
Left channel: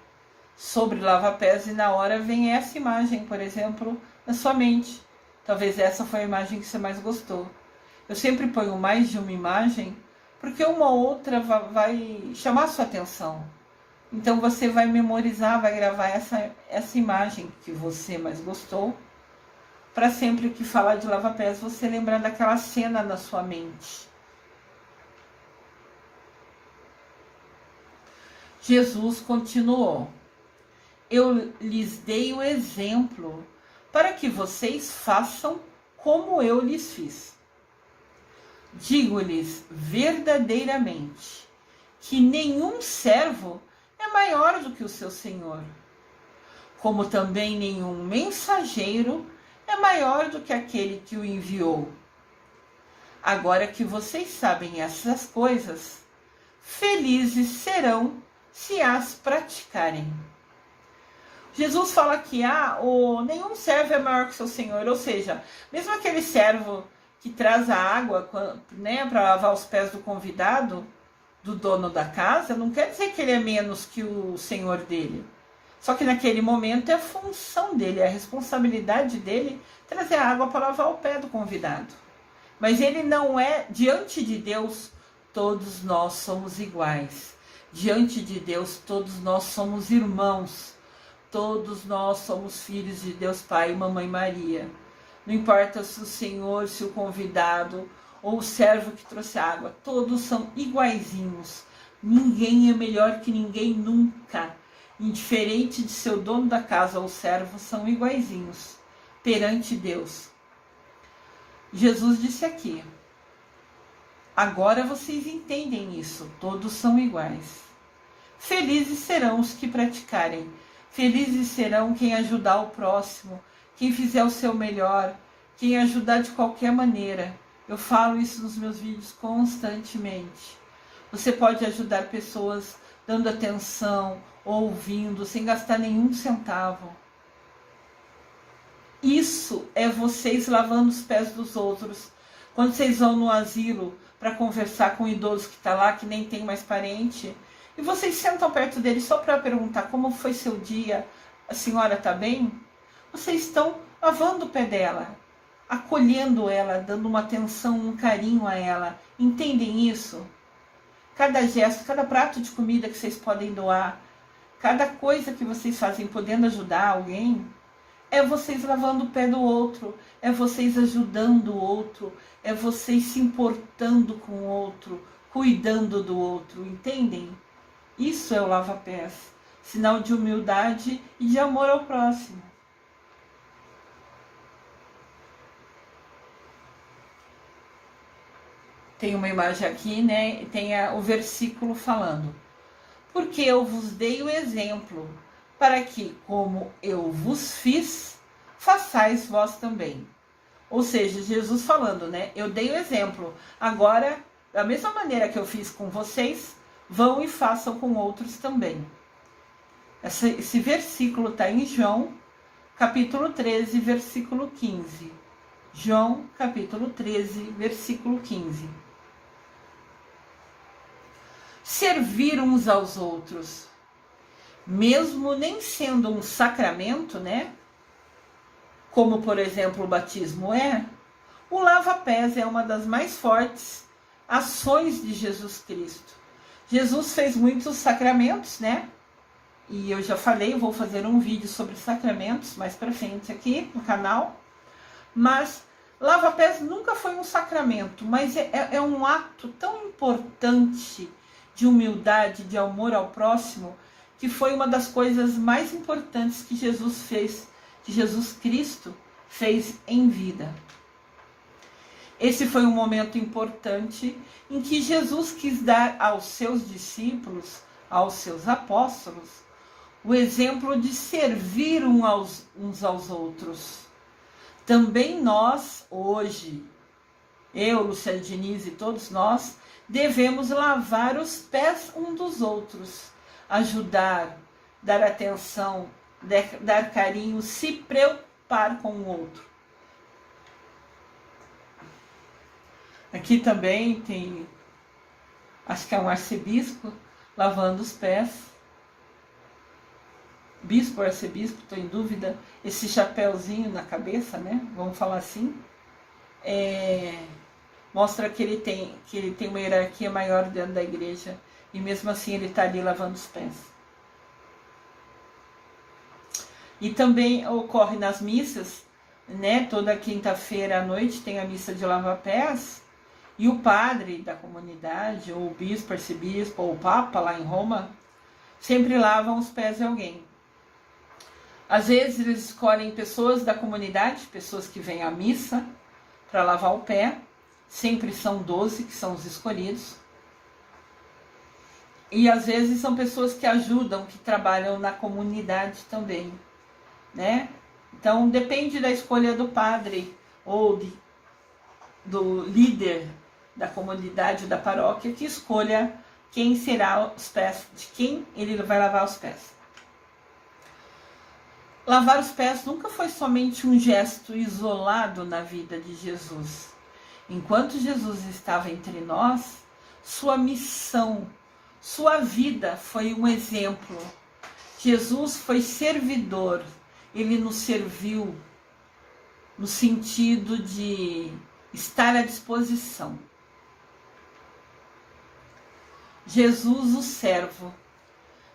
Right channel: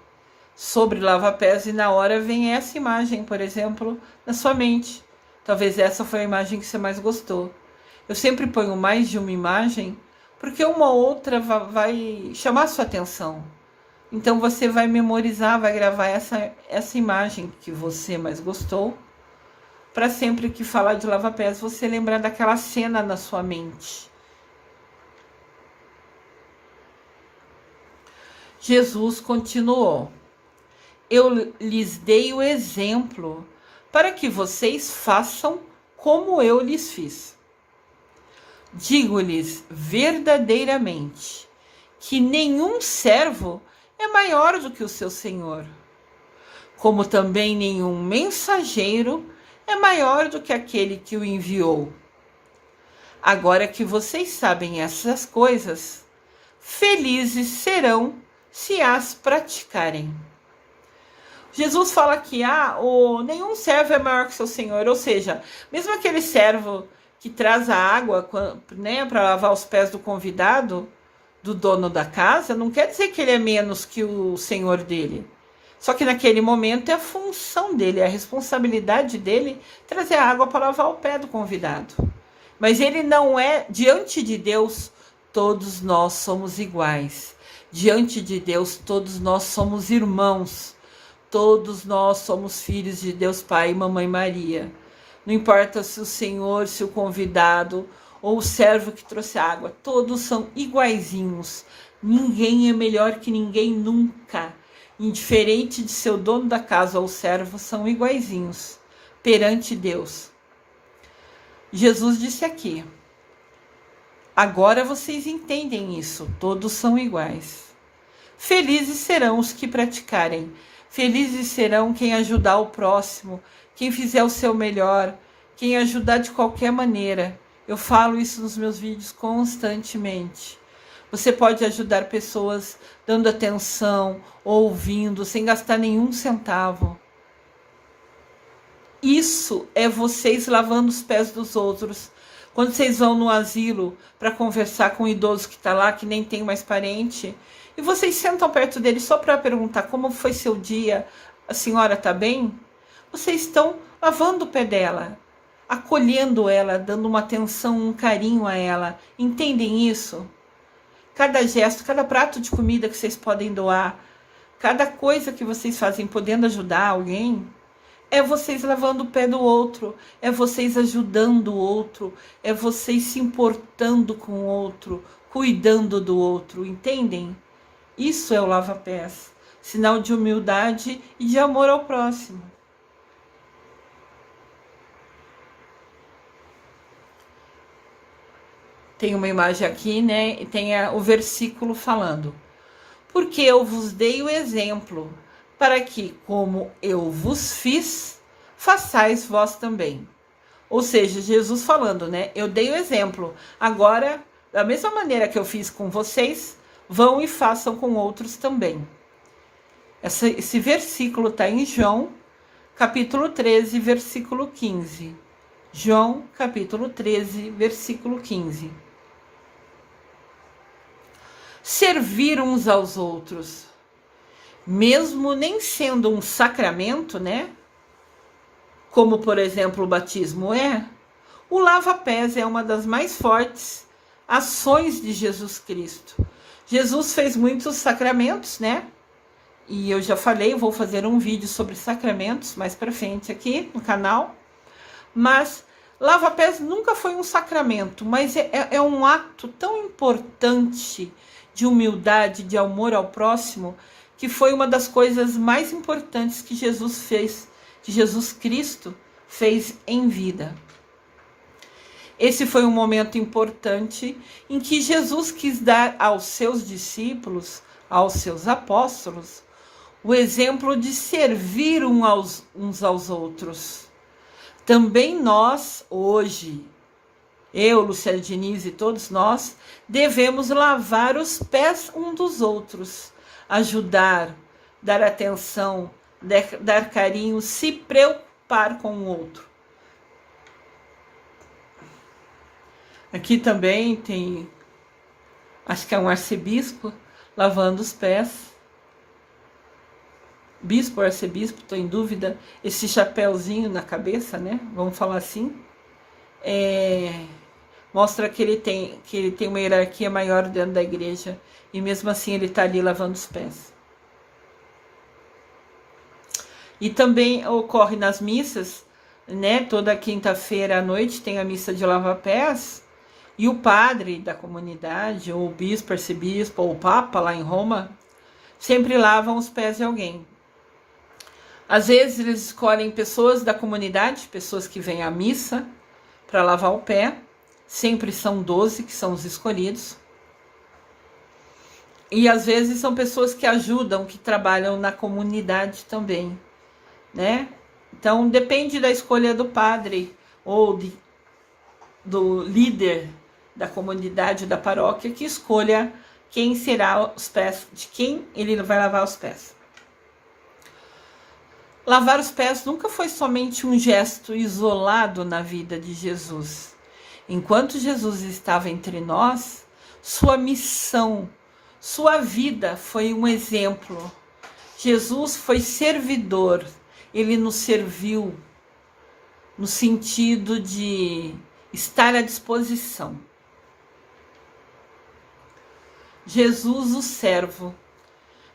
sobre lava-pés e na hora vem essa imagem, por exemplo, na sua mente. Talvez essa foi a imagem que você mais gostou. Eu sempre ponho mais de uma imagem, porque uma outra vai chamar a sua atenção. Então você vai memorizar, vai gravar essa imagem que você mais gostou, para sempre que falar de lava-pés, você lembrar daquela cena na sua mente. Jesus continuou: eu lhes dei o exemplo para que vocês façam como eu lhes fiz. Digo-lhes verdadeiramente que nenhum servo é maior do que o seu senhor, como também nenhum mensageiro é maior do que aquele que o enviou. Agora que vocês sabem essas coisas, felizes serão se as praticarem. Jesus fala que nenhum servo é maior que seu senhor, ou seja, mesmo aquele servo que traz a água, né, para lavar os pés do convidado, do dono da casa, não quer dizer que ele é menos que o senhor dele. Só que naquele momento é a função dele, é a responsabilidade dele trazer a água para lavar o pé do convidado. Mas ele não é, diante de Deus, todos nós somos iguais. Diante de Deus, todos nós somos irmãos. Todos nós somos filhos de Deus Pai e Mamãe Maria. Não importa se o Senhor, se o convidado ou o servo que trouxe água, todos são iguaizinhos. Ninguém é melhor que ninguém nunca. Indiferente de ser o dono da casa ou o servo, são iguaizinhos perante Deus. Jesus disse aqui: agora vocês entendem isso, todos são iguais. Felizes serão os que praticarem. Felizes serão quem ajudar o próximo, quem fizer o seu melhor, quem ajudar de qualquer maneira. Eu falo isso nos meus vídeos constantemente. Você pode ajudar pessoas dando atenção, ouvindo, sem gastar nenhum centavo. Isso é vocês lavando os pés dos outros. Quando vocês vão no asilo para conversar com um idoso que está lá, que nem tem mais parente, e vocês sentam perto dele só para perguntar como foi seu dia, a senhora está bem? Vocês estão lavando o pé dela, acolhendo ela, dando uma atenção, um carinho a ela. Entendem isso? Cada gesto, cada prato de comida que vocês podem doar, cada coisa que vocês fazem podendo ajudar alguém, é vocês lavando o pé do outro, é vocês ajudando o outro, é vocês se importando com o outro, cuidando do outro, entendem? Isso é o lava-pés, sinal de humildade e de amor ao próximo. Tem uma imagem aqui, né? E tem o versículo falando: porque eu vos dei o exemplo, para que, como eu vos fiz, façais vós também. Ou seja, Jesus falando, né? Eu dei o exemplo. Agora, da mesma maneira que eu fiz com vocês, vão e façam com outros também. Esse versículo está em João, capítulo 13, versículo 15. João, capítulo 13, versículo 15. Servir uns aos outros, mesmo nem sendo um sacramento, né? Como, por exemplo, o batismo é, O lava-pés é uma das mais fortes ações de Jesus Cristo. Jesus fez muitos sacramentos, né? E eu já falei, vou fazer um vídeo sobre sacramentos mais para frente aqui no canal. Mas lava-pés nunca foi um sacramento, mas é um ato tão importante de humildade, de amor ao próximo, que foi uma das coisas mais importantes que Jesus fez, que Jesus Cristo fez em vida. Esse foi um momento importante em que Jesus quis dar aos seus discípulos, aos seus apóstolos, o exemplo de servir uns aos outros. Também nós, hoje, eu, Luciana Diniz e todos nós, devemos lavar os pés uns dos outros, ajudar, dar atenção, dar carinho, se preocupar com o outro. Aqui também tem, acho que é um arcebispo, lavando os pés. Bispo ou arcebispo, estou em dúvida. Esse chapéuzinho na cabeça, né? Vamos falar assim. Mostra que ele tem uma hierarquia maior dentro da igreja. E mesmo assim ele está ali lavando os pés. E também ocorre nas missas, né? Toda quinta-feira à noite tem a missa de lava-pés. E o padre da comunidade, ou o bispo, arcebispo, ou o papa lá em Roma, sempre lavam os pés de alguém. Às vezes eles escolhem pessoas da comunidade, pessoas que vêm à missa, para lavar o pé. Sempre são 12 que são os escolhidos. E às vezes são pessoas que ajudam, que trabalham na comunidade também, né? Então depende da escolha do padre ou do líder da comunidade, da paróquia, que escolha quem será os pés, de quem ele vai lavar os pés. Lavar os pés nunca foi somente um gesto isolado na vida de Jesus. Enquanto Jesus estava entre nós, sua missão, sua vida foi um exemplo. Jesus foi servidor, ele nos serviu no sentido de estar à disposição. Jesus, o servo.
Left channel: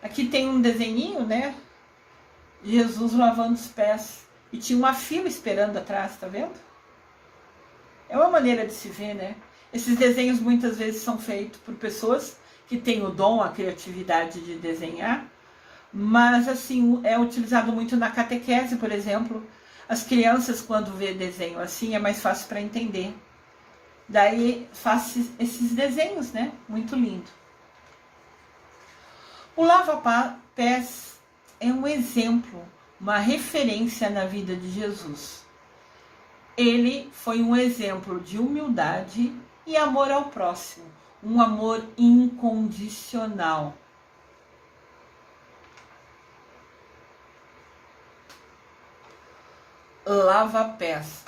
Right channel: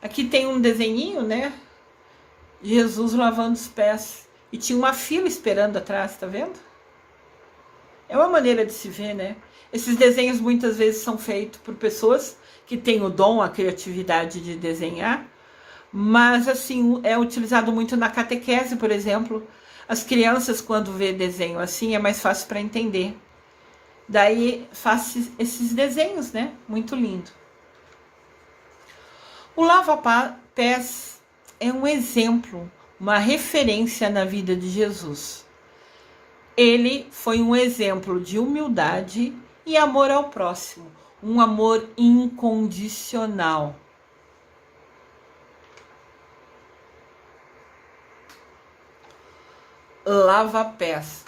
Aqui tem um desenhinho, né? Jesus lavando os pés. E tinha uma fila esperando atrás, tá vendo? É uma maneira de se ver, né? Esses desenhos muitas vezes são feitos por pessoas que têm o dom, a criatividade de desenhar. Mas, assim, é utilizado muito na catequese, por exemplo. As crianças, quando vê desenho assim, é mais fácil para entender. Daí, faço esses desenhos, né? Muito lindo. O lava-pés é um exemplo, uma referência na vida de Jesus. Ele foi um exemplo de humildade e amor ao próximo, um amor incondicional. Lava-pés.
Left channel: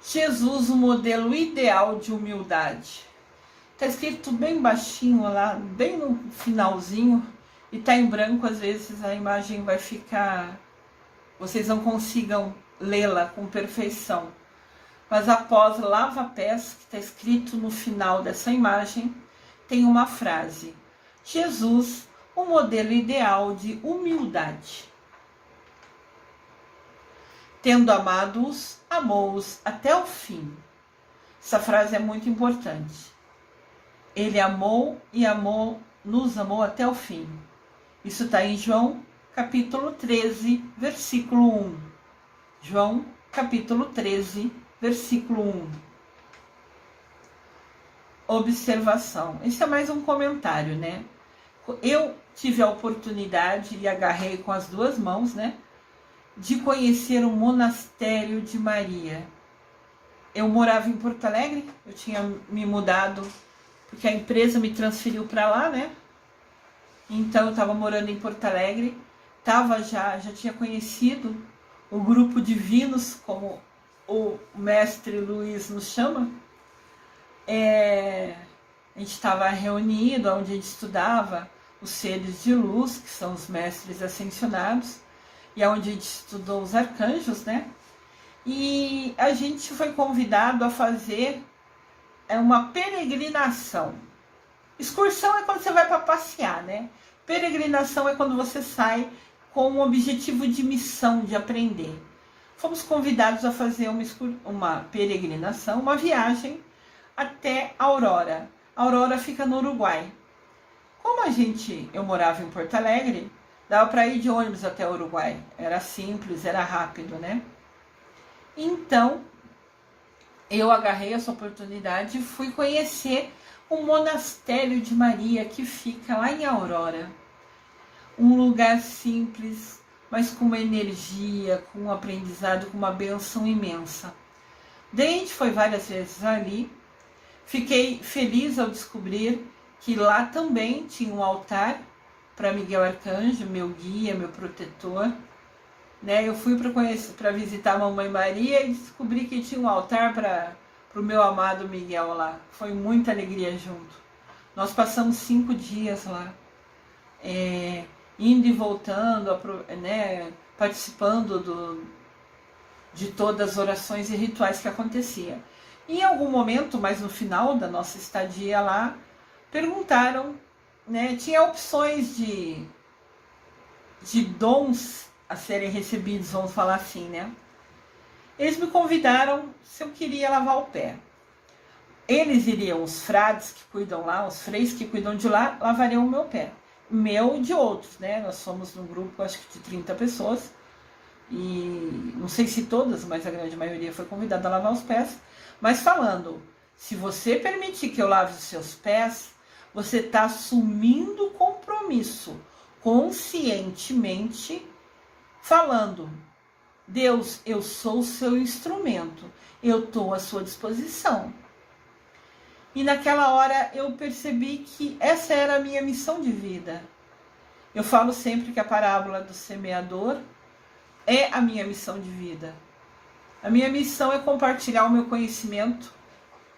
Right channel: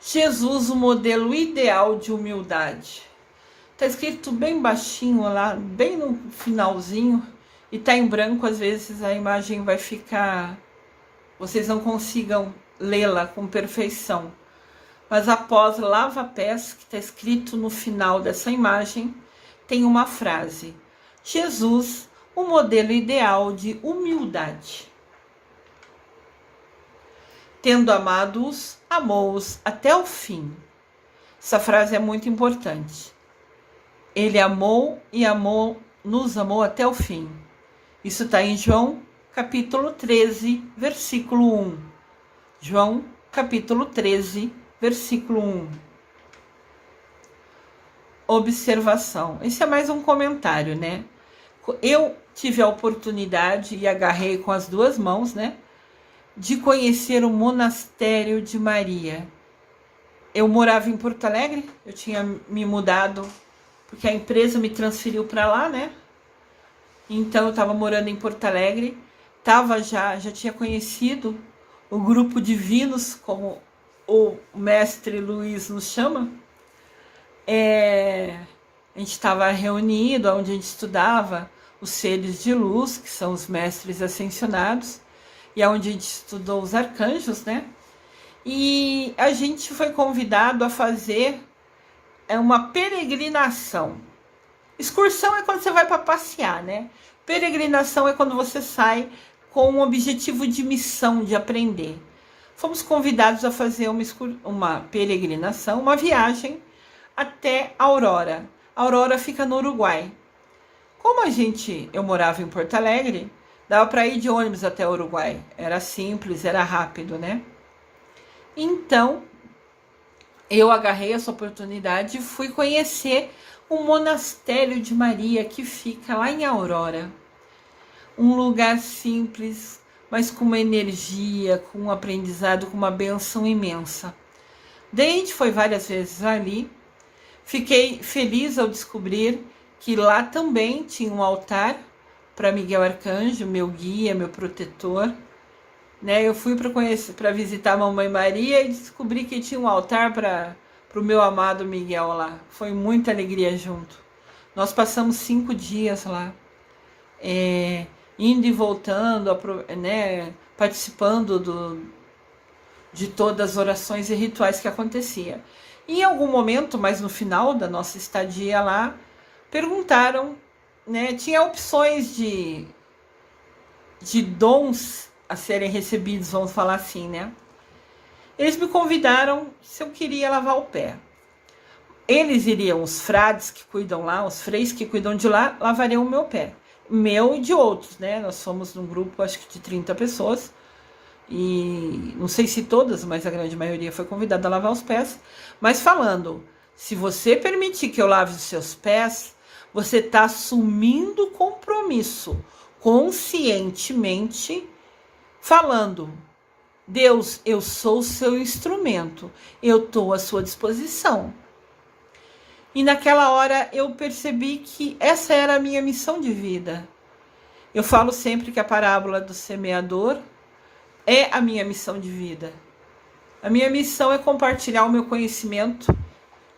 Jesus, o modelo ideal de humildade. Tá escrito bem baixinho lá, bem no finalzinho, e tá em branco, às vezes a imagem vai ficar, vocês não consigam lê-la com perfeição. Mas após lava-pés, que está escrito no final dessa imagem, tem uma frase: Jesus, o modelo ideal de humildade. Tendo amado-os, amou-os até o fim. Essa frase é muito importante. Ele amou e nos amou até o fim. Isso está em João, capítulo 13, versículo 1. João, capítulo 13, versículo 1. Observação. Esse é mais um comentário, né? Eu tive a oportunidade e agarrei com as duas mãos, né? De conhecer o monastério de Maria. Eu morava em Porto Alegre, eu tinha me mudado porque a empresa me transferiu para lá, né? Então eu estava morando em Porto Alegre, já tinha conhecido o grupo divinos, como o mestre Luiz nos chama. A gente estava reunido, onde a gente estudava os seres de luz, que são os mestres ascensionados, e onde a gente estudou os arcanjos, né? E a gente foi convidado a fazer uma peregrinação. Excursão é quando você vai para passear, né? Peregrinação é quando você sai com um objetivo de missão, de aprender. Fomos convidados a fazer uma peregrinação, uma viagem até Aurora. Aurora fica no Uruguai. Como eu morava em Porto Alegre, dava para ir de ônibus até o Uruguai. Era simples, era rápido, né? Então, eu agarrei essa oportunidade e fui conhecer o Monastério de Maria, que fica lá em Aurora. Um lugar simples, mas com uma energia, com um aprendizado, com uma bênção imensa. Daí a gente foi várias vezes ali. Fiquei feliz ao descobrir que lá também tinha um altar para Miguel Arcanjo, meu guia, meu protetor. Né? Eu fui para visitar a Mamãe Maria e descobri que tinha um altar para o meu amado Miguel lá. Foi muita alegria junto. Nós passamos 5 dias lá, indo e voltando, né, participando de todas as orações e rituais que acontecia. Em algum momento, mas no final da nossa estadia lá, perguntaram, né, tinha opções de dons a serem recebidos, vamos falar assim, né? Eles me convidaram se eu queria lavar o pé. Eles iriam, os frades que cuidam lá, os freis que cuidam de lá, lavariam o meu pé. Meu e de outros, né? Nós somos num grupo, acho que de 30 pessoas. E não sei se todas, mas a grande maioria foi convidada a lavar os pés. Mas falando, se você permitir que eu lave os seus pés, você está assumindo compromisso conscientemente, falando: Deus, eu sou o seu instrumento, eu estou à sua disposição. E naquela hora eu percebi que essa era a minha missão de vida. Eu falo sempre que a parábola do semeador é a minha missão de vida. A minha missão é compartilhar o meu conhecimento,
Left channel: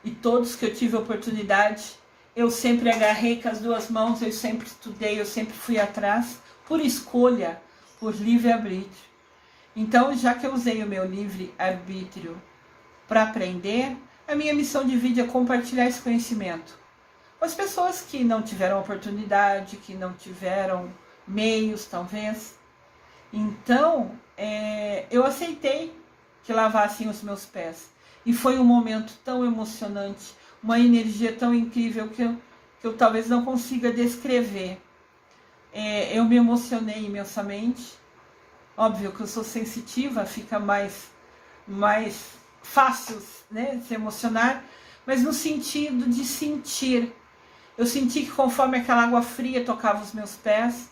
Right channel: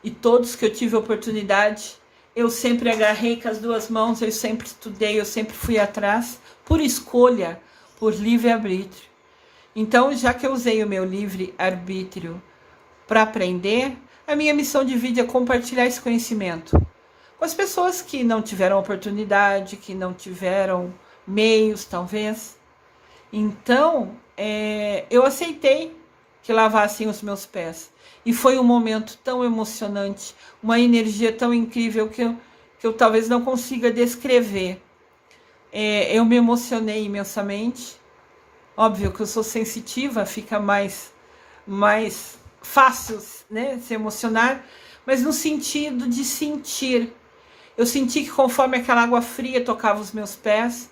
e todos que eu tive oportunidade, eu sempre agarrei com as 2 mãos, eu sempre estudei, eu sempre fui atrás, por escolha, por livre-arbítrio. Então, já que eu usei o meu livre-arbítrio para aprender, a minha missão de vida é compartilhar esse conhecimento com as pessoas que não tiveram oportunidade, que não tiveram meios, talvez. Então, eu aceitei que lavassem os meus pés. E foi um momento tão emocionante, uma energia tão incrível que eu talvez não consiga descrever. Eu me emocionei imensamente. Óbvio que eu sou sensitiva, fica mais fácil, né, se emocionar, mas no sentido de sentir. Eu senti que conforme aquela água fria tocava os meus pés,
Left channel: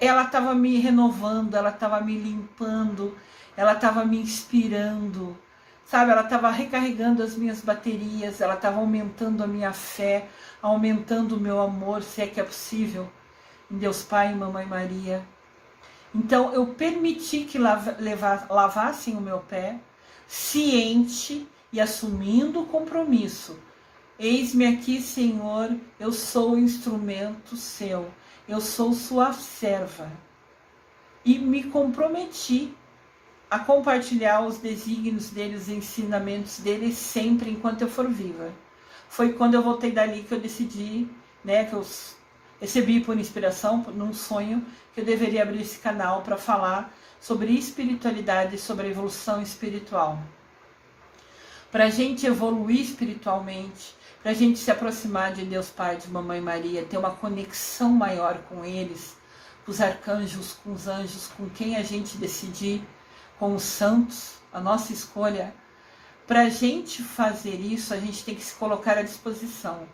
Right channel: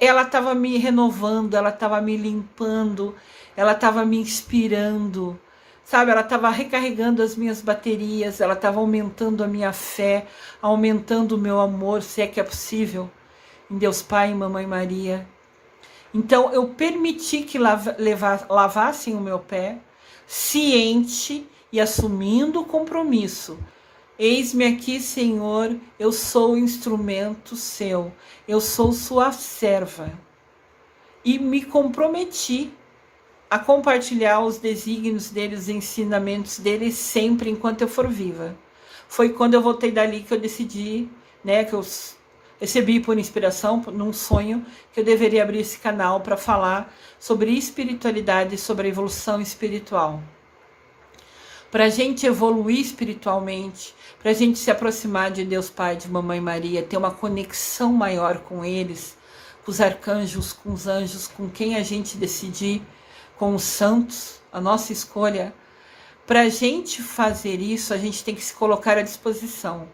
ela estava me renovando, ela estava me limpando, ela estava me inspirando, sabe? Ela estava recarregando as minhas baterias, ela estava aumentando a minha fé, aumentando o meu amor, se é que é possível, em Deus Pai e Mamãe Maria. Então eu permiti que lavassem o meu pé, ciente e assumindo o compromisso. Eis-me aqui, Senhor, eu sou o instrumento seu, eu sou sua serva. E me comprometi a compartilhar os desígnios deles, os ensinamentos deles sempre enquanto eu for viva. Foi quando eu voltei dali que eu decidi, né, que eu recebi por inspiração, num sonho, que eu deveria abrir esse canal para falar sobre espiritualidade e sobre a evolução espiritual. Para a gente evoluir espiritualmente, para a gente se aproximar de Deus Pai, de Mamãe Maria, ter uma conexão maior com eles, com os arcanjos, com os anjos, com quem a gente decidir, com os santos, a nossa escolha. Para a gente fazer isso, a gente tem que se colocar à disposição.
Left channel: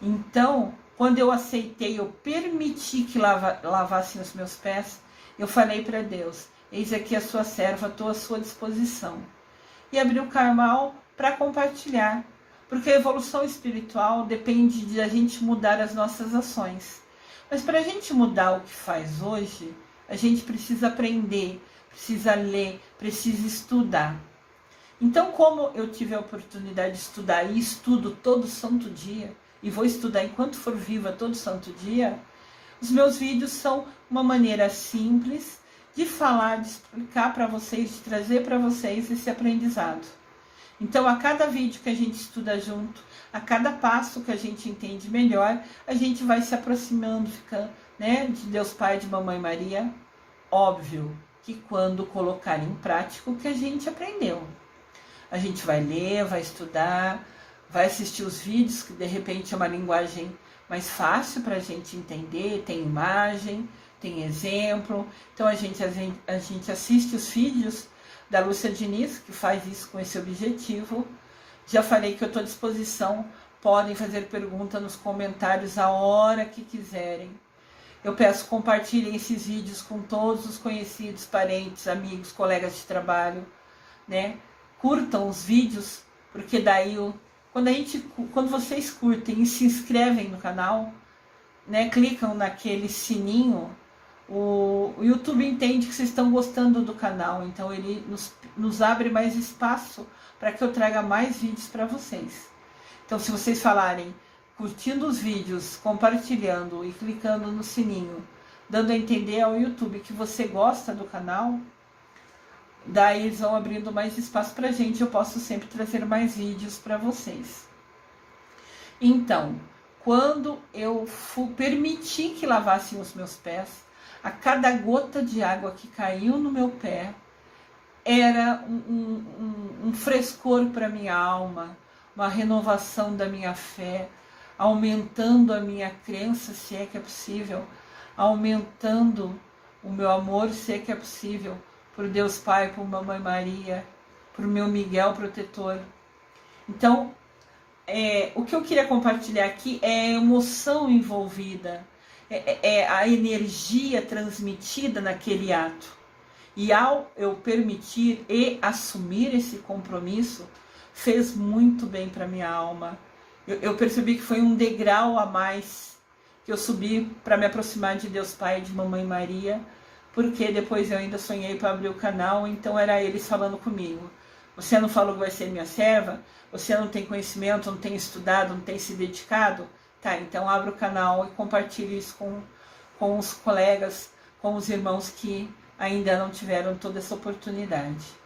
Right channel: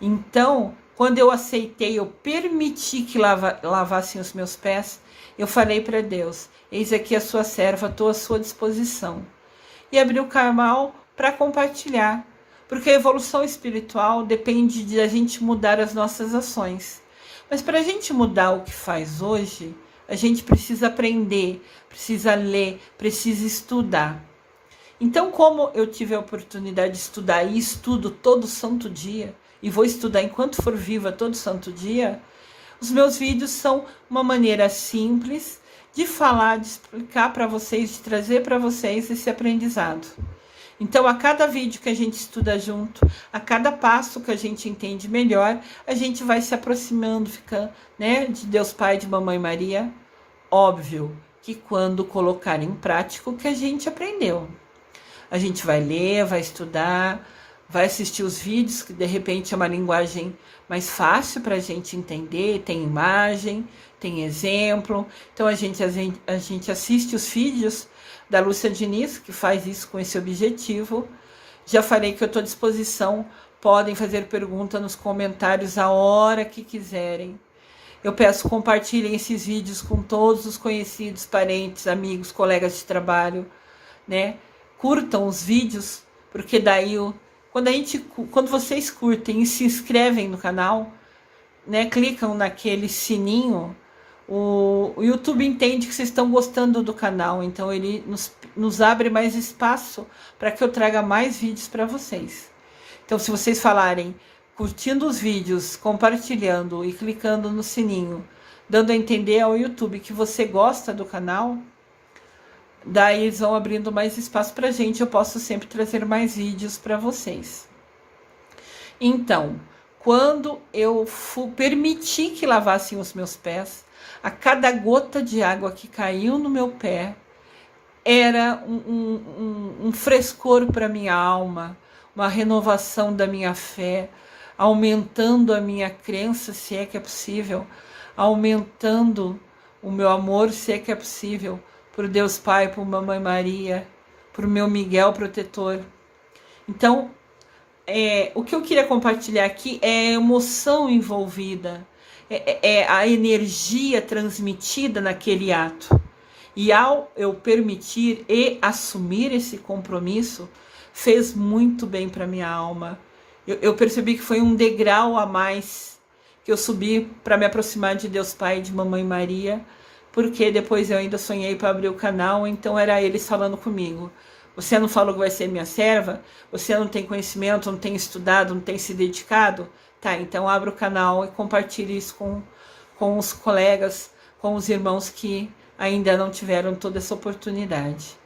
Então, quando eu aceitei, eu permiti que lavassem os meus pés, eu falei para Deus: eis aqui a sua serva, estou à sua disposição. E abri o canal para compartilhar, porque a evolução espiritual depende de a gente mudar as nossas ações. Mas para a gente mudar o que faz hoje, a gente precisa aprender, precisa ler, precisa estudar. Então, como eu tive a oportunidade de estudar e estudo todo santo dia, e vou estudar enquanto for viva todo santo dia, os meus vídeos são uma maneira simples de falar, de explicar para vocês, de trazer para vocês esse aprendizado. Então, a cada vídeo que a gente estuda junto, a cada passo que a gente entende melhor, a gente vai se aproximando, ficando, né, de Deus Pai, de Mamãe Maria. Óbvio que quando colocar em prática o que a gente aprendeu. A gente vai ler, vai estudar, vai assistir os vídeos, que de repente é uma linguagem mais fácil para a gente entender, tem imagem, tem exemplo. Então a gente assiste os vídeos da Lúcia Diniz, que faz isso com esse objetivo. Já falei que eu estou à disposição, podem fazer pergunta nos comentários a hora que quiserem. Eu peço compartilhem esses vídeos com todos os conhecidos, parentes, amigos, colegas de trabalho, né? Curtam os vídeos, porque daí quando vocês curtem e se inscrevem no canal, né, clicam naquele sininho, o YouTube entende que vocês estão gostando do canal, então ele nos abre mais espaço para que eu traga mais vídeos para vocês. Então, se vocês falarem, curtindo os vídeos, compartilhando e clicando no sininho, dando a entender ao YouTube que você gosta do canal, daí eles vão abrindo mais espaço para a gente, eu posso sempre trazer mais vídeos para vocês. Então, quando eu permiti que lavassem os meus pés, a cada gota de água que caiu no meu pé era um frescor para minha alma, uma renovação da minha fé, aumentando a minha crença, se é que é possível, aumentando o meu amor, se é que é possível, por Deus Pai, por Mamãe Maria, por meu Miguel protetor. Então, o que eu queria compartilhar aqui é a emoção envolvida, é a energia transmitida naquele ato. E ao eu permitir e assumir esse compromisso, fez muito bem para minha alma. Eu percebi que foi um degrau a mais que eu subi para me aproximar de Deus Pai e de Mamãe Maria, porque depois eu ainda sonhei para abrir o canal, então era eles falando comigo. Você não falou que vai ser minha serva? Você não tem conhecimento, não tem estudado, não tem se dedicado? Tá, então abra o canal e compartilhe isso com os colegas, com os irmãos que ainda não tiveram toda essa oportunidade.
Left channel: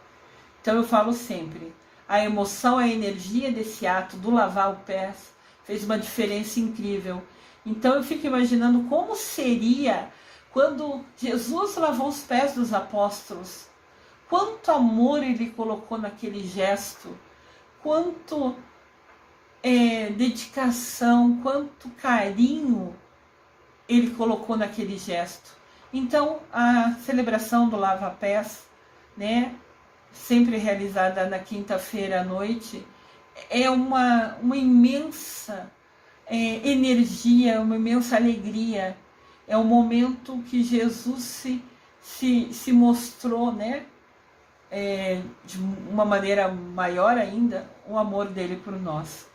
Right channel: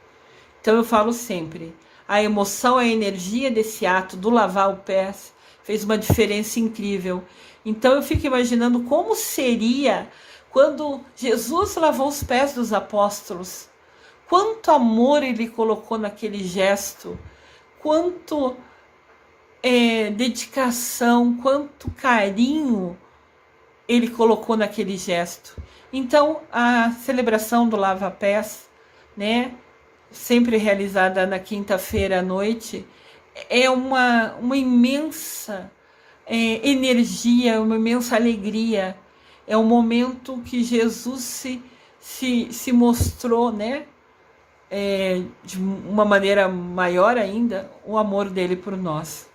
Então eu falo sempre, a emoção, a energia desse ato do lavar o pé fez uma diferença incrível. Então eu fico imaginando como seria quando Jesus lavou os pés dos apóstolos. Quanto amor ele colocou naquele gesto, quanto dedicação, quanto carinho ele colocou naquele gesto. Então, a celebração do lava-pés, né, sempre realizada na quinta-feira à noite, é uma imensa energia, uma imensa alegria. É um momento que Jesus se mostrou, né, de uma maneira maior ainda, o amor dele por nós.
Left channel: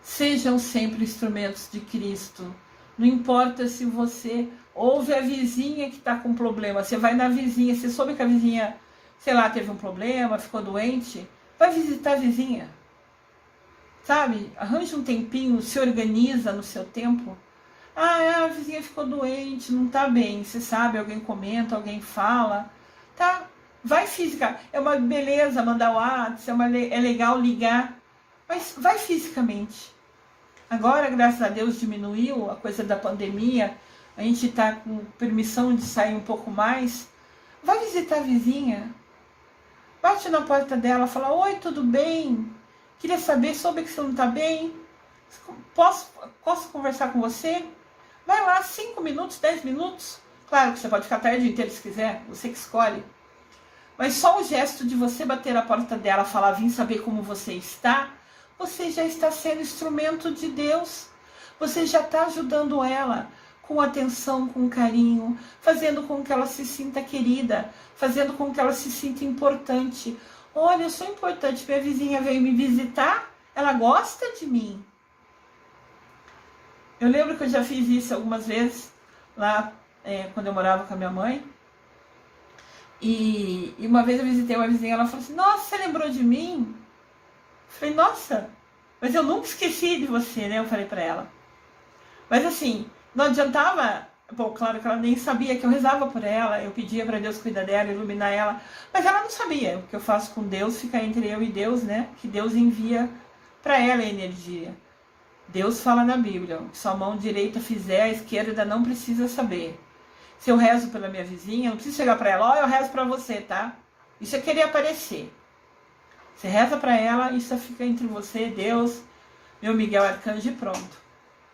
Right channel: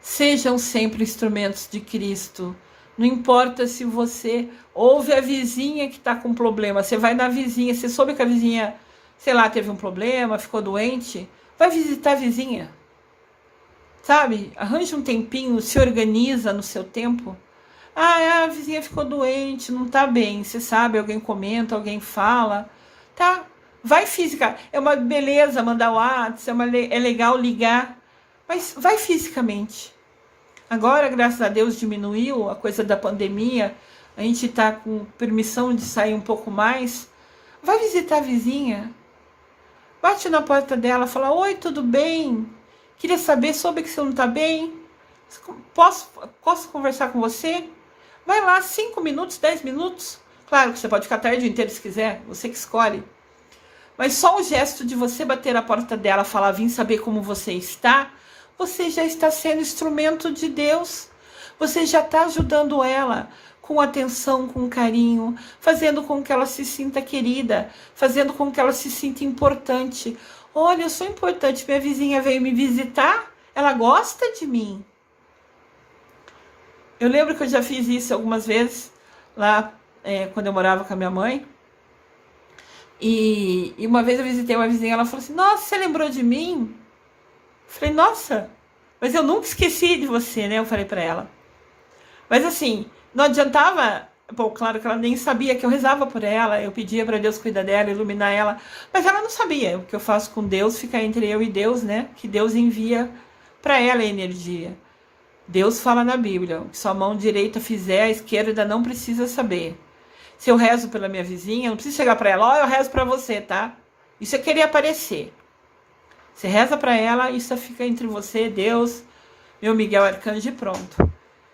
Sejam sempre instrumentos de Cristo. Não importa se você ouve a vizinha que está com problema, você vai na vizinha, você soube que a vizinha, sei lá, teve um problema, ficou doente, vai visitar a vizinha. Sabe? Arranja um tempinho, se organiza no seu tempo. A vizinha ficou doente, não tá bem, você sabe, alguém comenta, alguém fala, tá? Vai física, é uma beleza mandar o WhatsApp, é legal ligar, mas vai fisicamente. Agora, graças a Deus, diminuiu a coisa da pandemia, a gente tá com permissão de sair um pouco mais. Vai visitar a vizinha, bate na porta dela, fala, oi, tudo bem? Queria saber, soube que você não tá bem? Posso conversar com você? Vai lá, 5 minutos, 10 minutos. Claro que você pode ficar a tarde inteira se quiser, você que escolhe. Mas só o gesto de você bater na porta dela, falar, vim saber como você está, você já está sendo instrumento de Deus. Você já está ajudando ela com atenção, com carinho, fazendo com que ela se sinta querida, fazendo com que ela se sinta importante. Olha, eu sou importante, minha vizinha veio me visitar, ela gosta de mim. Eu lembro que eu já fiz isso algumas vezes, lá quando eu morava com a minha mãe. E uma vez eu visitei uma vizinha, ela falou assim, nossa, você lembrou de mim? Eu falei, nossa, mas eu nunca esqueci de você, né? Eu falei pra ela. Mas assim, não adiantava Bom, claro que ela nem sabia que eu rezava por ela, eu pedia para Deus cuidar dela, iluminar ela, mas ela não sabia. O que eu faço com Deus fica entre eu e Deus, né? Que Deus envia para ela a energia. Deus fala na Bíblia, o que sua mão direita fizer, a esquerda não precisa saber. Se eu rezo pela minha vizinha, não preciso chegar para ela, ó, eu rezo para você, tá? Isso é querer aparecer. Você reza para ela, isso fica entre você, Deus, meu Miguel Arcanjo e pronto.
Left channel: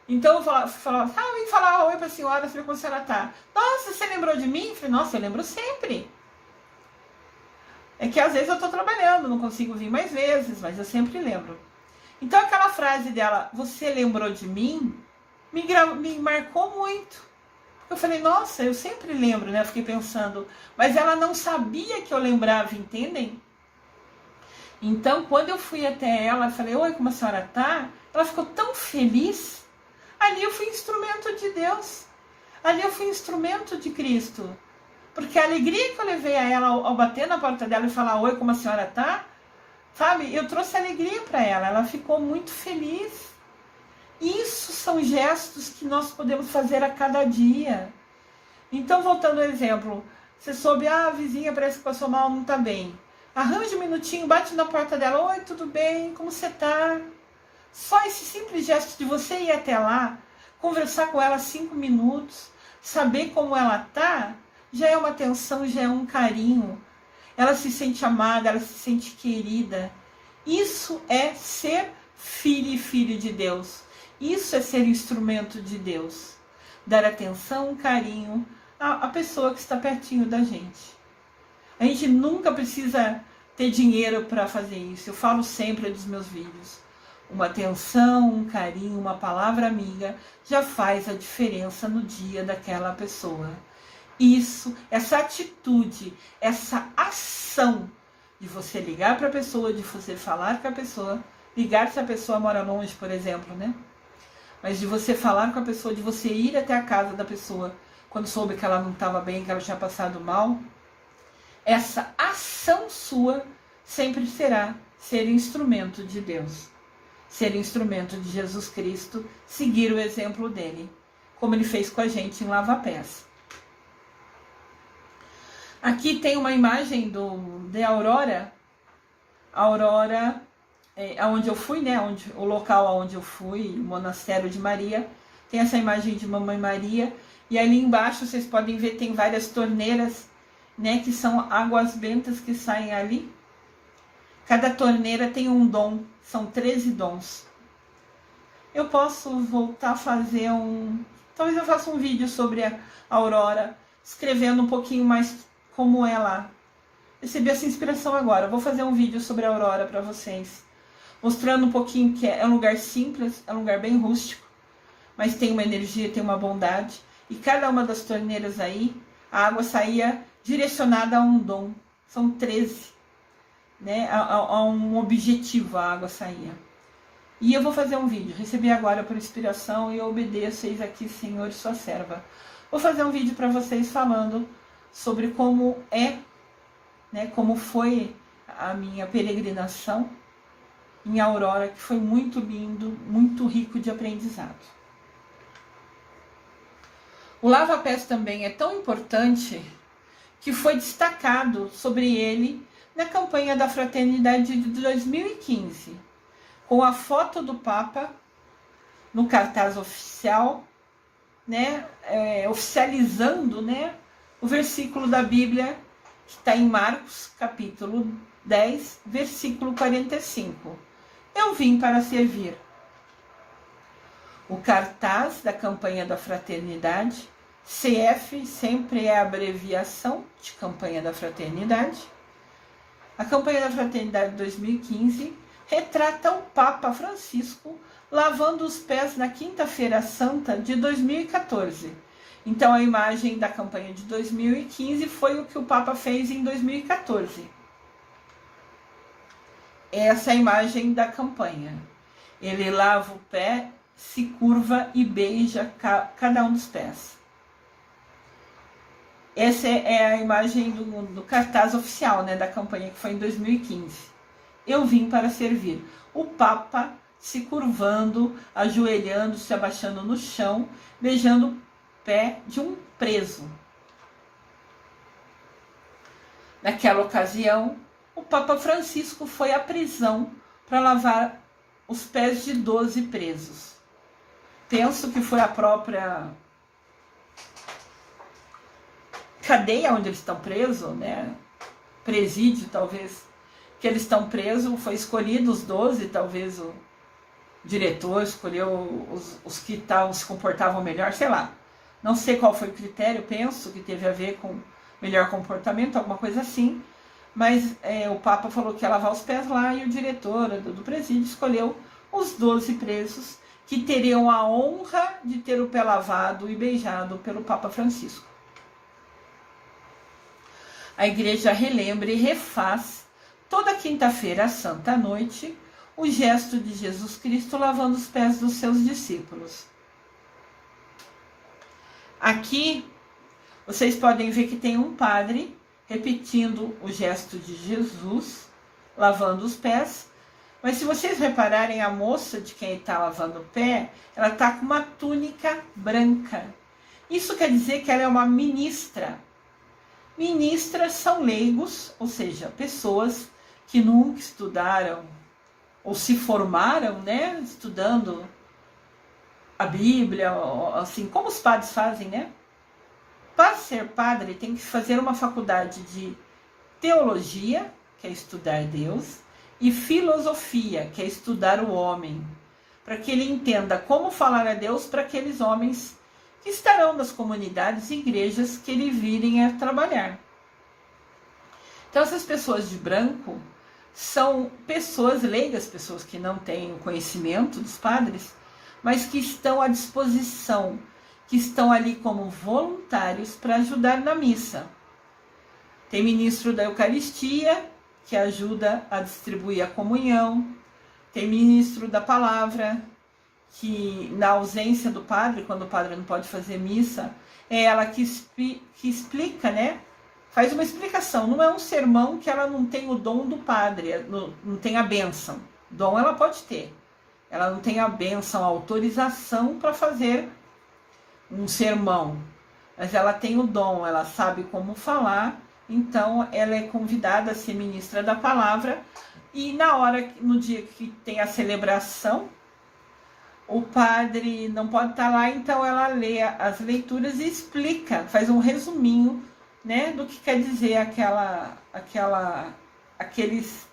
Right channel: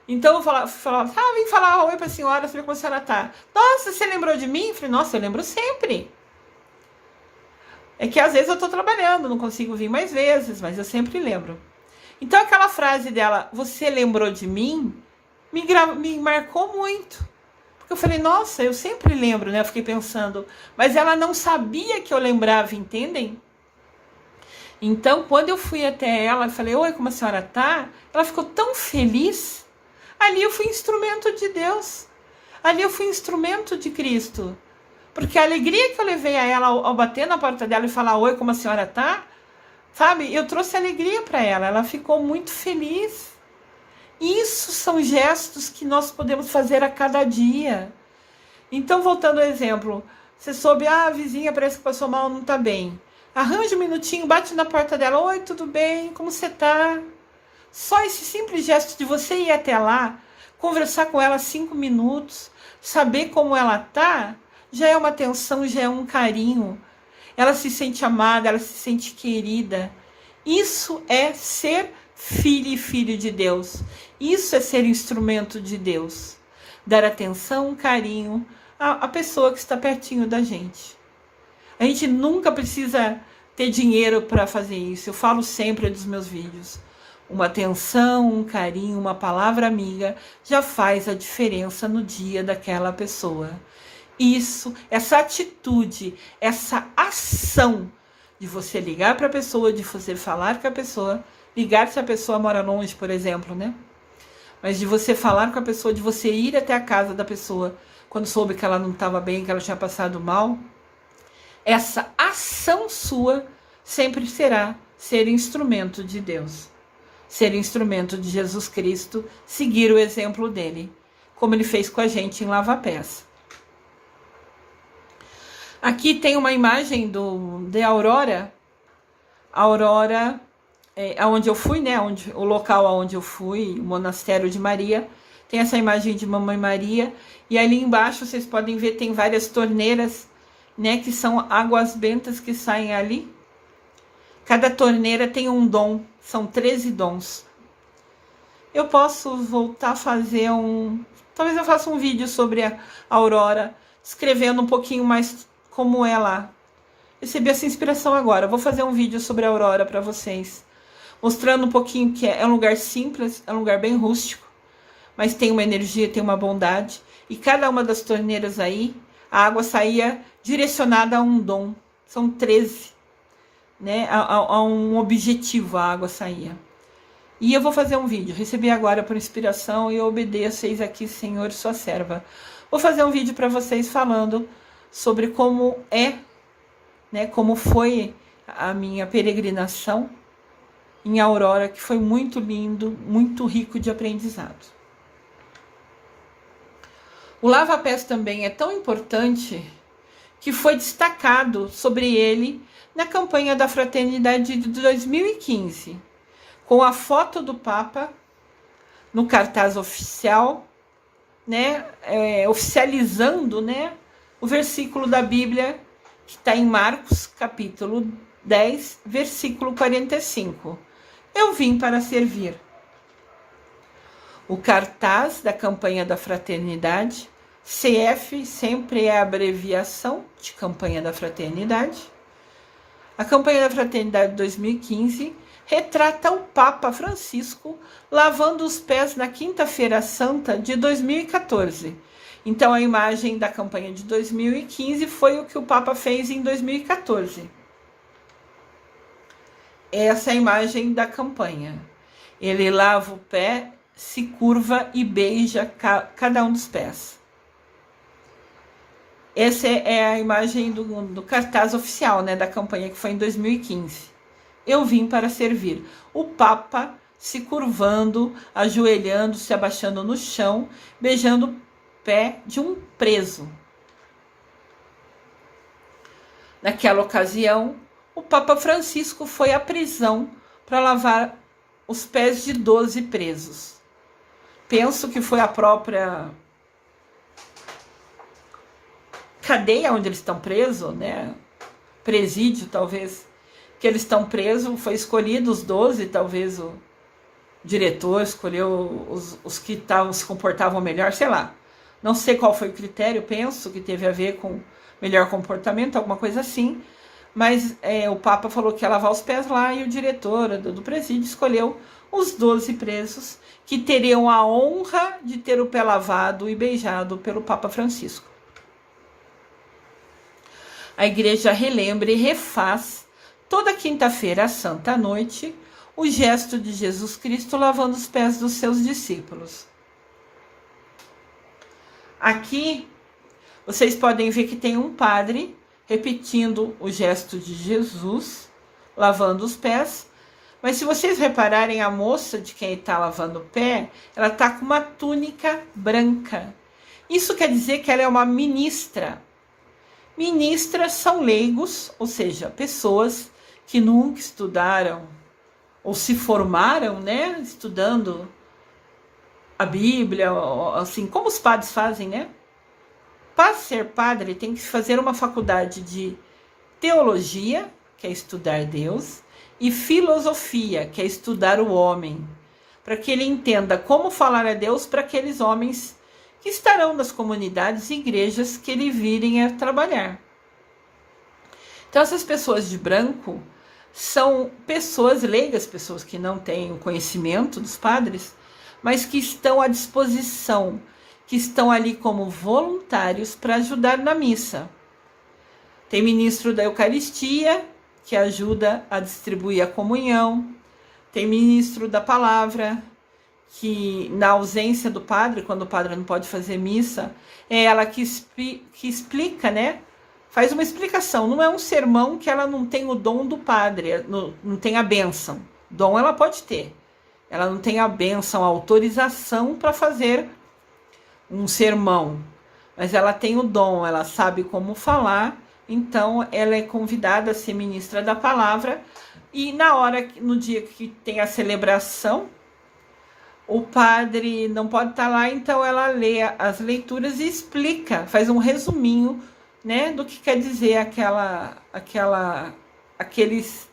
Então eu falava, vem falar oi pra senhora, saber como a senhora tá. Nossa, você lembrou de mim? Eu falei, nossa, eu lembro sempre. É que às vezes eu tô trabalhando, não consigo vir mais vezes, mas eu sempre lembro. Então aquela frase dela, você lembrou de mim, me marcou muito. Porque eu falei, nossa, eu sempre lembro, né? Eu fiquei pensando, mas ela não sabia que eu lembrava, entendem? Então, quando eu fui até ela, falei, oi, como a senhora tá? Ela ficou tão feliz. Ali eu fui instrumento de Deus. Ali eu fui instrumento de Cristo. Porque a alegria que eu levei a ela ao bater na porta dela e falar, oi, como a senhora tá? Sabe, eu trouxe alegria para ela. Ela ficou muito feliz. Isso são gestos que nós podemos fazer a cada dia. Então, voltando ao exemplo, você soube, a vizinha parece que passou mal, não tá bem. Arranja um minutinho, bate na porta dela. Oi, tudo bem? Como você tá? Só esse simples gesto de você ir até lá, conversar com ela 5 minutos, saber como ela tá, já é uma atenção, já é um carinho. Ela se sente amada, ela se sente querida. Isso é ser filho e filho de Deus. Isso é ser instrumento de Deus. Dar atenção, carinho à pessoa que está pertinho da gente. A gente nunca precisa ter dinheiro para fazer isso. Eu falo sempre dos meus vídeos. Uma atenção, um carinho, uma palavra amiga já faz a diferença no dia daquela pessoa. Isso, essa atitude, essa ação de você ligar para a pessoa, de você falar com a pessoa, ligar se a pessoa mora longe, por exemplo, né? Mas de você falar com a pessoa, de você ir até a casa da pessoa quando soube que ela não estava bem, que ela tinha passado mal. Essa ação sua sempre será ser instrumento de Deus, ser instrumento de Jesus Cristo, seguir o exemplo dele, como ele fez com a gente em Lava-Pés. Aqui tem uma imagem de Aurora. Aurora é onde eu fui, né? O local aonde eu fui, o Monastério de Maria. Tem essa imagem de Mamãe Maria. E ali embaixo vocês podem ver, tem várias torneiras, né, que são águas bentas que saem ali. Cada torneira tem um dom, são 13 dons. Eu posso voltar a fazer talvez eu faça um vídeo sobre a Aurora, escrevendo um pouquinho mais como ela. Recebi essa inspiração agora. Vou fazer um vídeo sobre a Aurora para vocês, mostrando um pouquinho que é um lugar simples, é um lugar bem rústico, mas tem uma energia, tem uma bondade. E cada uma das torneiras aí, a água saía direcionada a um dom. São 13, né? A um objetivo a água saía. E eu vou fazer um vídeo. Recebi agora por inspiração e eu obedeço, eis aqui, Senhor, sua serva. Vou fazer um vídeo para vocês falando sobre como é, né? Como foi a minha peregrinação em Aurora, que foi muito lindo, muito rico de aprendizado. O Lava-Pés também é tão importante que foi destacado sobre ele na campanha da Fraternidade de 2015, com a foto do Papa no cartaz oficial, né, oficializando, né, o versículo da Bíblia que está em Marcos, capítulo 10, versículo 45. Eu vim para servir. O cartaz da campanha da Fraternidade, CF sempre é a abreviação de Campanha da Fraternidade. A Campanha da Fraternidade 2015 retrata o Papa Francisco lavando os pés na Quinta-feira Santa de 2014. Então a imagem da campanha de 2015 foi o que o Papa fez em 2014. Essa é a imagem da campanha. Ele lava o pé, se curva e beija cada um dos pés. Essa é a imagem do cartaz oficial, né, da campanha que foi em 2015. Eu vim para servir. O Papa se curvando, ajoelhando, se abaixando no chão, beijando pé de um preso. Naquela ocasião, o Papa Francisco foi à prisão para lavar os pés de 12 presos. Penso que foi a própria cadeia onde eles estão presos, né? Presídio, talvez, que eles estão presos, foi escolhido os 12, talvez o diretor escolheu os que se comportavam melhor, sei lá. Não sei qual foi o critério, penso que teve a ver com melhor comportamento, alguma coisa assim. Mas o Papa falou que ia lavar os pés lá e o diretor do presídio escolheu os 12 presos que teriam a honra de ter o pé lavado e beijado pelo Papa Francisco. A igreja relembra e refaz toda quinta-feira à Santa Noite o gesto de Jesus Cristo lavando os pés dos seus discípulos. Aqui vocês podem ver que tem um padre repetindo o gesto de Jesus lavando os pés, mas se vocês repararem, a moça de quem está lavando o pé, ela está com uma túnica branca. Isso quer dizer que ela é uma ministra. Ministras são leigos, ou seja, pessoas que nunca estudaram ou se formaram, né, estudando a Bíblia, assim, como os padres fazem, né? Para ser padre, tem que fazer uma faculdade de teologia, que é estudar Deus, e filosofia, que é estudar o homem, para que ele entenda como falar a Deus para aqueles homens que estarão nas comunidades e igrejas que ele virem a trabalhar. Então, essas pessoas de branco são pessoas leigas, pessoas que não têm o conhecimento dos padres, mas que estão à disposição, que estão ali como voluntários para ajudar na missa. Tem ministro da Eucaristia, que ajuda a distribuir a comunhão. Tem ministro da Palavra, que na ausência do padre, quando o padre não pode fazer missa, é ela que explica, né? Faz uma explicação. Não é um sermão que ela não tem o dom do padre, não tem a bênção. Dom ela pode ter. Ela não tem a bênção, a autorização para fazer um sermão. Mas ela tem o dom, ela sabe como falar. Então, ela é convidada a ser ministra da palavra. E no dia que tem a celebração, o padre não pode estar lá, então ela lê as leituras e explica, faz um resuminho, né, do que quer dizer aqueles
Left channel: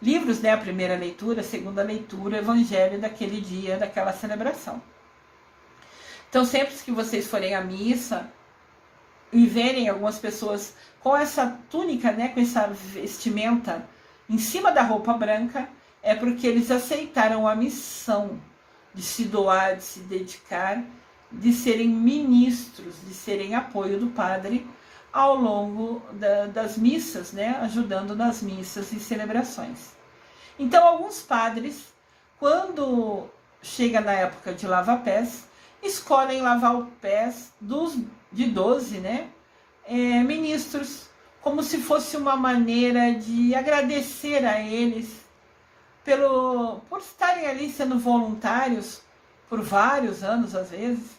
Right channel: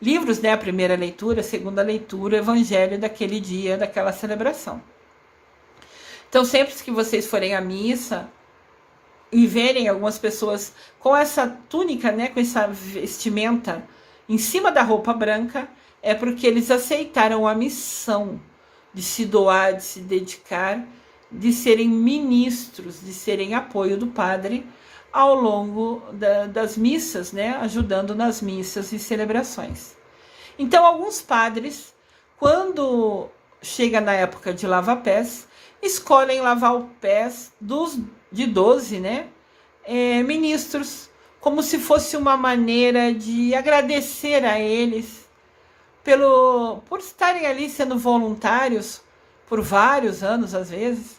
livros, né, a primeira leitura, a segunda leitura, o evangelho daquele dia, daquela celebração. Então, sempre que vocês forem à missa e verem algumas pessoas com essa túnica, né, com essa vestimenta em cima da roupa branca, é porque eles aceitaram a missão de se doar, de se dedicar, de serem ministros, de serem apoio do padre ao longo das missas, né, ajudando nas missas e celebrações. Então, alguns padres, quando chega na época de lavar pés, escolhem lavar os pés de 12, né, ministros, como se fosse uma maneira de agradecer a eles por estarem ali sendo voluntários por vários anos, às vezes,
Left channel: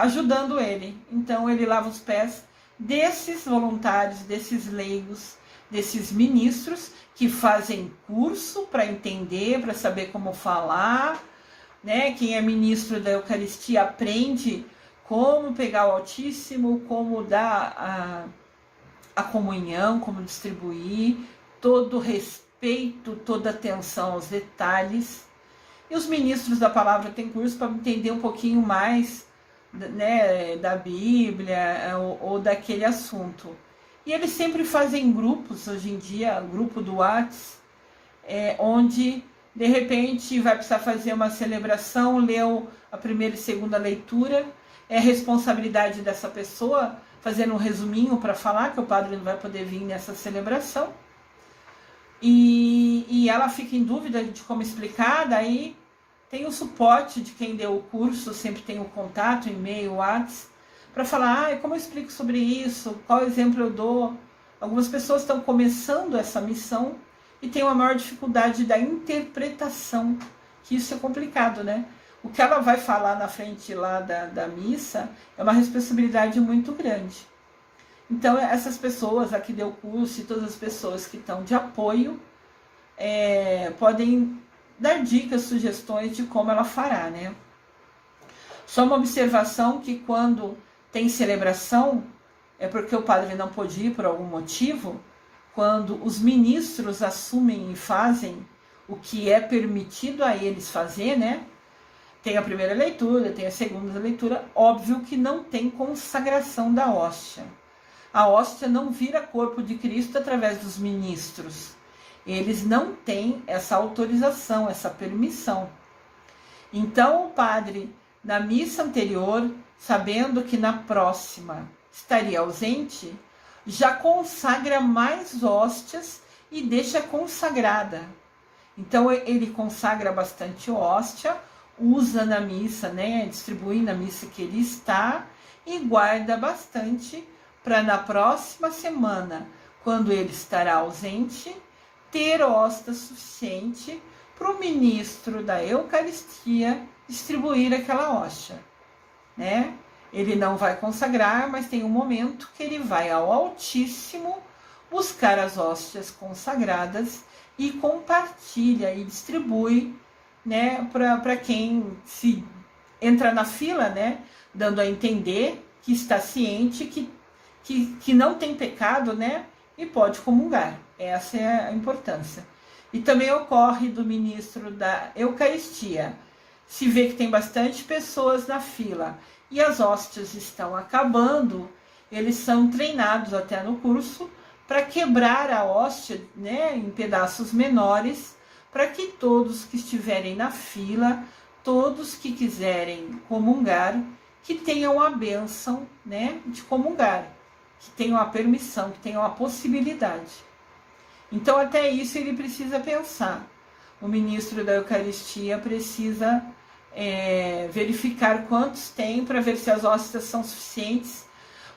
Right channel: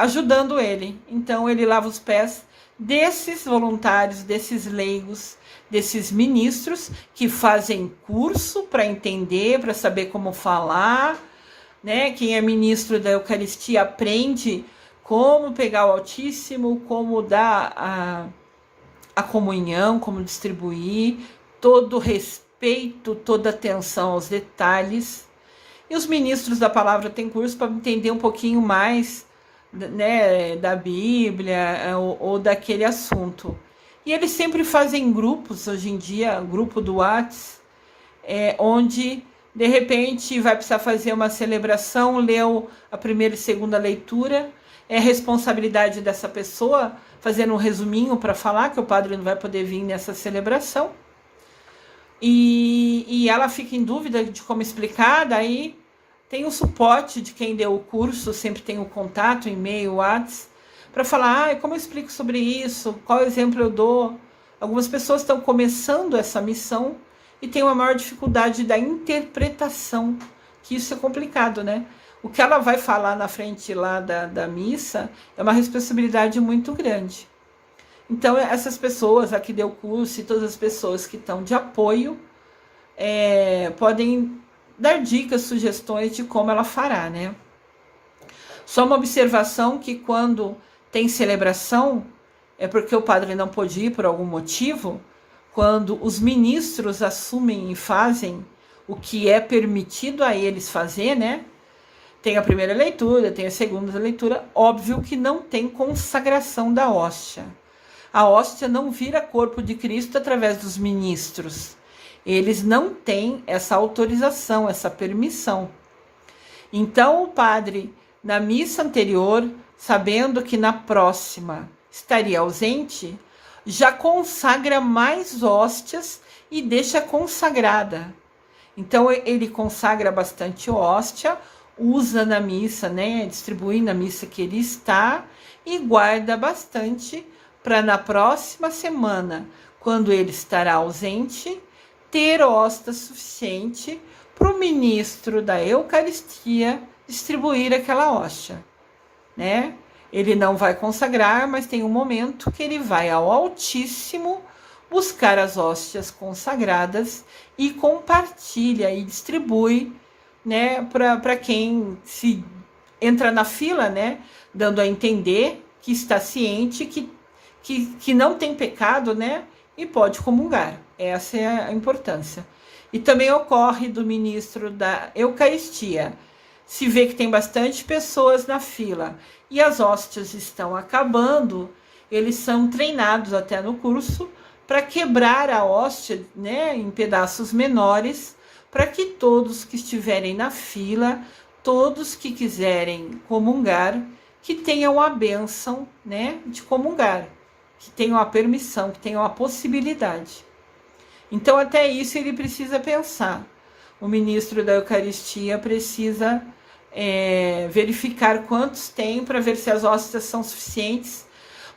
ajudando ele. Então, ele lava os pés desses voluntários, desses leigos, desses ministros que fazem curso para entender, para saber como falar, né? Quem é ministro da Eucaristia aprende como pegar o Altíssimo, como dar a comunhão, como distribuir, todo o respeito, toda atenção aos detalhes. E os ministros da palavra têm curso para entender um pouquinho mais, né, da Bíblia ou daquele assunto. E eles sempre fazem grupos, hoje em dia, grupo do WhatsApp, onde de repente vai precisar fazer uma celebração, leu a primeira e segunda leitura, é responsabilidade dessa pessoa fazendo um resuminho para falar que o padre não vai poder vir nessa celebração. E ela fica em dúvida de como explicar, daí tem o suporte de quem deu o curso, sempre tem o contato, e-mail, WhatsApp, para falar, como eu explico sobre isso, qual exemplo eu dou. Algumas pessoas estão começando essa missão e tem uma maior dificuldade da interpretação, que isso é complicado, né? o que ela vai falar na frente lá da missa é uma responsabilidade muito grande. Então, essas pessoas, a que deu curso e todas as pessoas que estão de apoio, podem dar dicas, sugestões de como ela fará, né? Só uma observação que quando tem celebração, é porque o padre não pôde ir por algum motivo, quando os ministros assumem e fazem o que é permitido a eles fazer, né? Tem a primeira leitura, tem a segunda leitura, óbvio que não tem consagração da hóstia. A hóstia não vira corpo de Cristo através dos ministros. Eles não têm essa autorização, essa permissão. Então o padre, na missa anterior, sabendo que na próxima estaria ausente, já consagra mais hóstias e deixa consagrada. Então ele consagra bastante hóstia, usa na missa, né, distribui na missa que ele está e guarda bastante para na próxima semana, quando ele estará ausente, ter hóstia suficiente para o ministro da Eucaristia distribuir aquela hóstia, né? Ele não vai consagrar, mas tem um momento que ele vai ao Altíssimo buscar as hóstias consagradas e compartilha e distribui, né, para quem se entra na fila, né, dando a entender que está ciente que não tem pecado, né, e pode comungar. Essa é a importância. E também ocorre do ministro da Eucaristia. Se vê que tem bastante pessoas na fila e as hóstias estão acabando, eles são treinados até no curso para quebrar a hóstia, né, em pedaços menores, para que todos que estiverem na fila, todos que quiserem comungar, que tenham a bênção, né, de comungar, que tenham a permissão, que tenham a possibilidade. Então, até isso ele precisa pensar. O ministro da Eucaristia precisa verificar quantos tem para ver se as hóstias são suficientes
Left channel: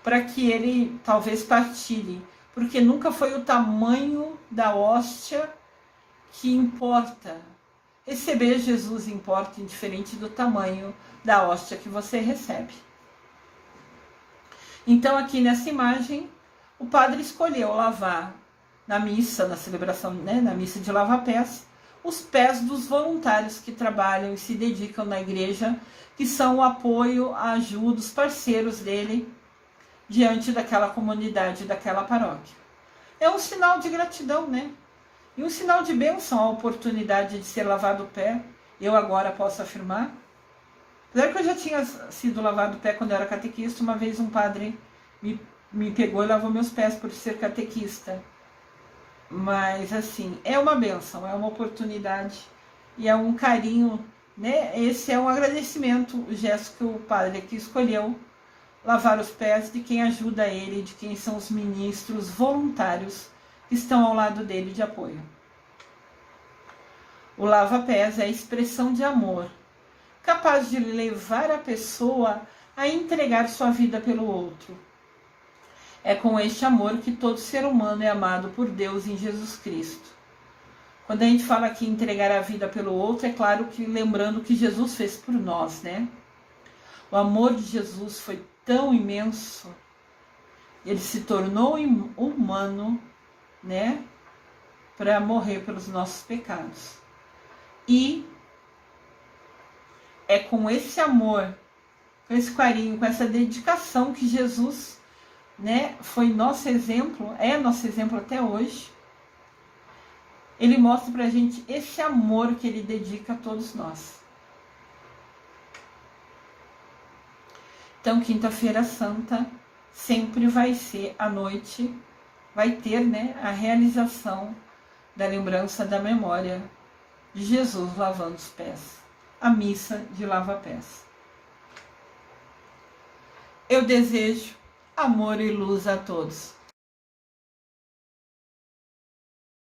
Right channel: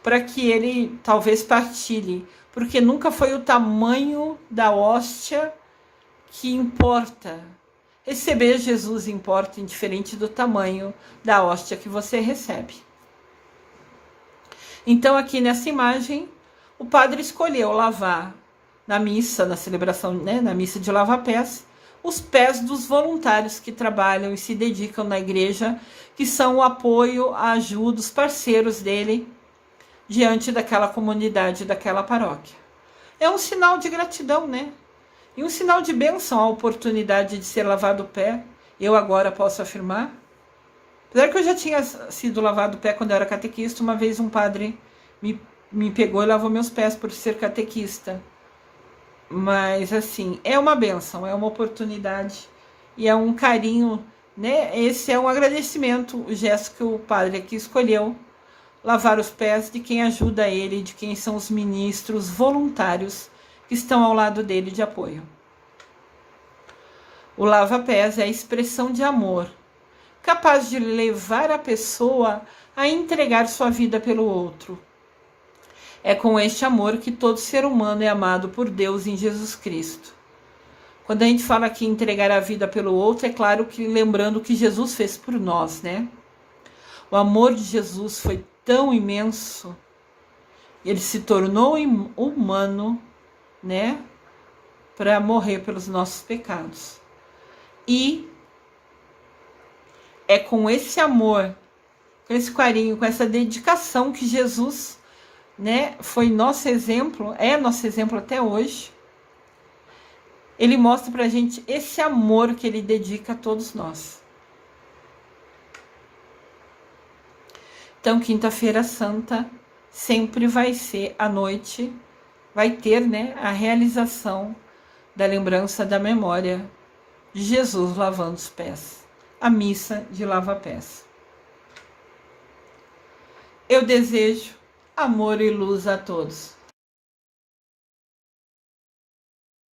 para que ele talvez partilhe, porque nunca foi o tamanho da hóstia que importa. Receber Jesus importa, indiferente do tamanho da hóstia que você recebe. Então, aqui nessa imagem, o padre escolheu lavar na missa, na celebração, né, na missa de lava-pés, os pés dos voluntários que trabalham e se dedicam na igreja, que são o apoio, a ajuda, os parceiros dele diante daquela comunidade, daquela paróquia. É um sinal de gratidão, né? E um sinal de bênção a oportunidade de ser lavado o pé. Eu agora posso afirmar. Apesar que eu já tinha sido lavado o pé quando eu era catequista, uma vez um padre me pegou e lavou meus pés por ser catequista. Mas, assim, é uma bênção, é uma oportunidade e é um carinho, né? Esse é um agradecimento, o gesto que o padre aqui escolheu, lavar os pés de quem ajuda ele, de quem são os ministros voluntários que estão ao lado dele de apoio. O lava-pés é a expressão de amor, capaz de levar a pessoa a entregar sua vida pelo outro. É com este amor que todo ser humano é amado por Deus em Jesus Cristo. Quando a gente fala aqui entregar a vida pelo outro, é claro que lembrando o que Jesus fez por nós, né? O amor de Jesus foi tão imenso, ele se tornou humano, né? Para morrer pelos nossos pecados. E é com esse amor, com esse carinho, com essa dedicação que Jesus, né, foi nosso exemplo, é nosso exemplo até hoje. Ele mostra pra gente esse amor que ele dedica a todos nós. Então, Quinta-feira Santa sempre vai ser à noite, vai ter, né, a realização da lembrança da memória de Jesus lavando os pés, a missa de lava-pés. Eu desejo amor e luz a todos.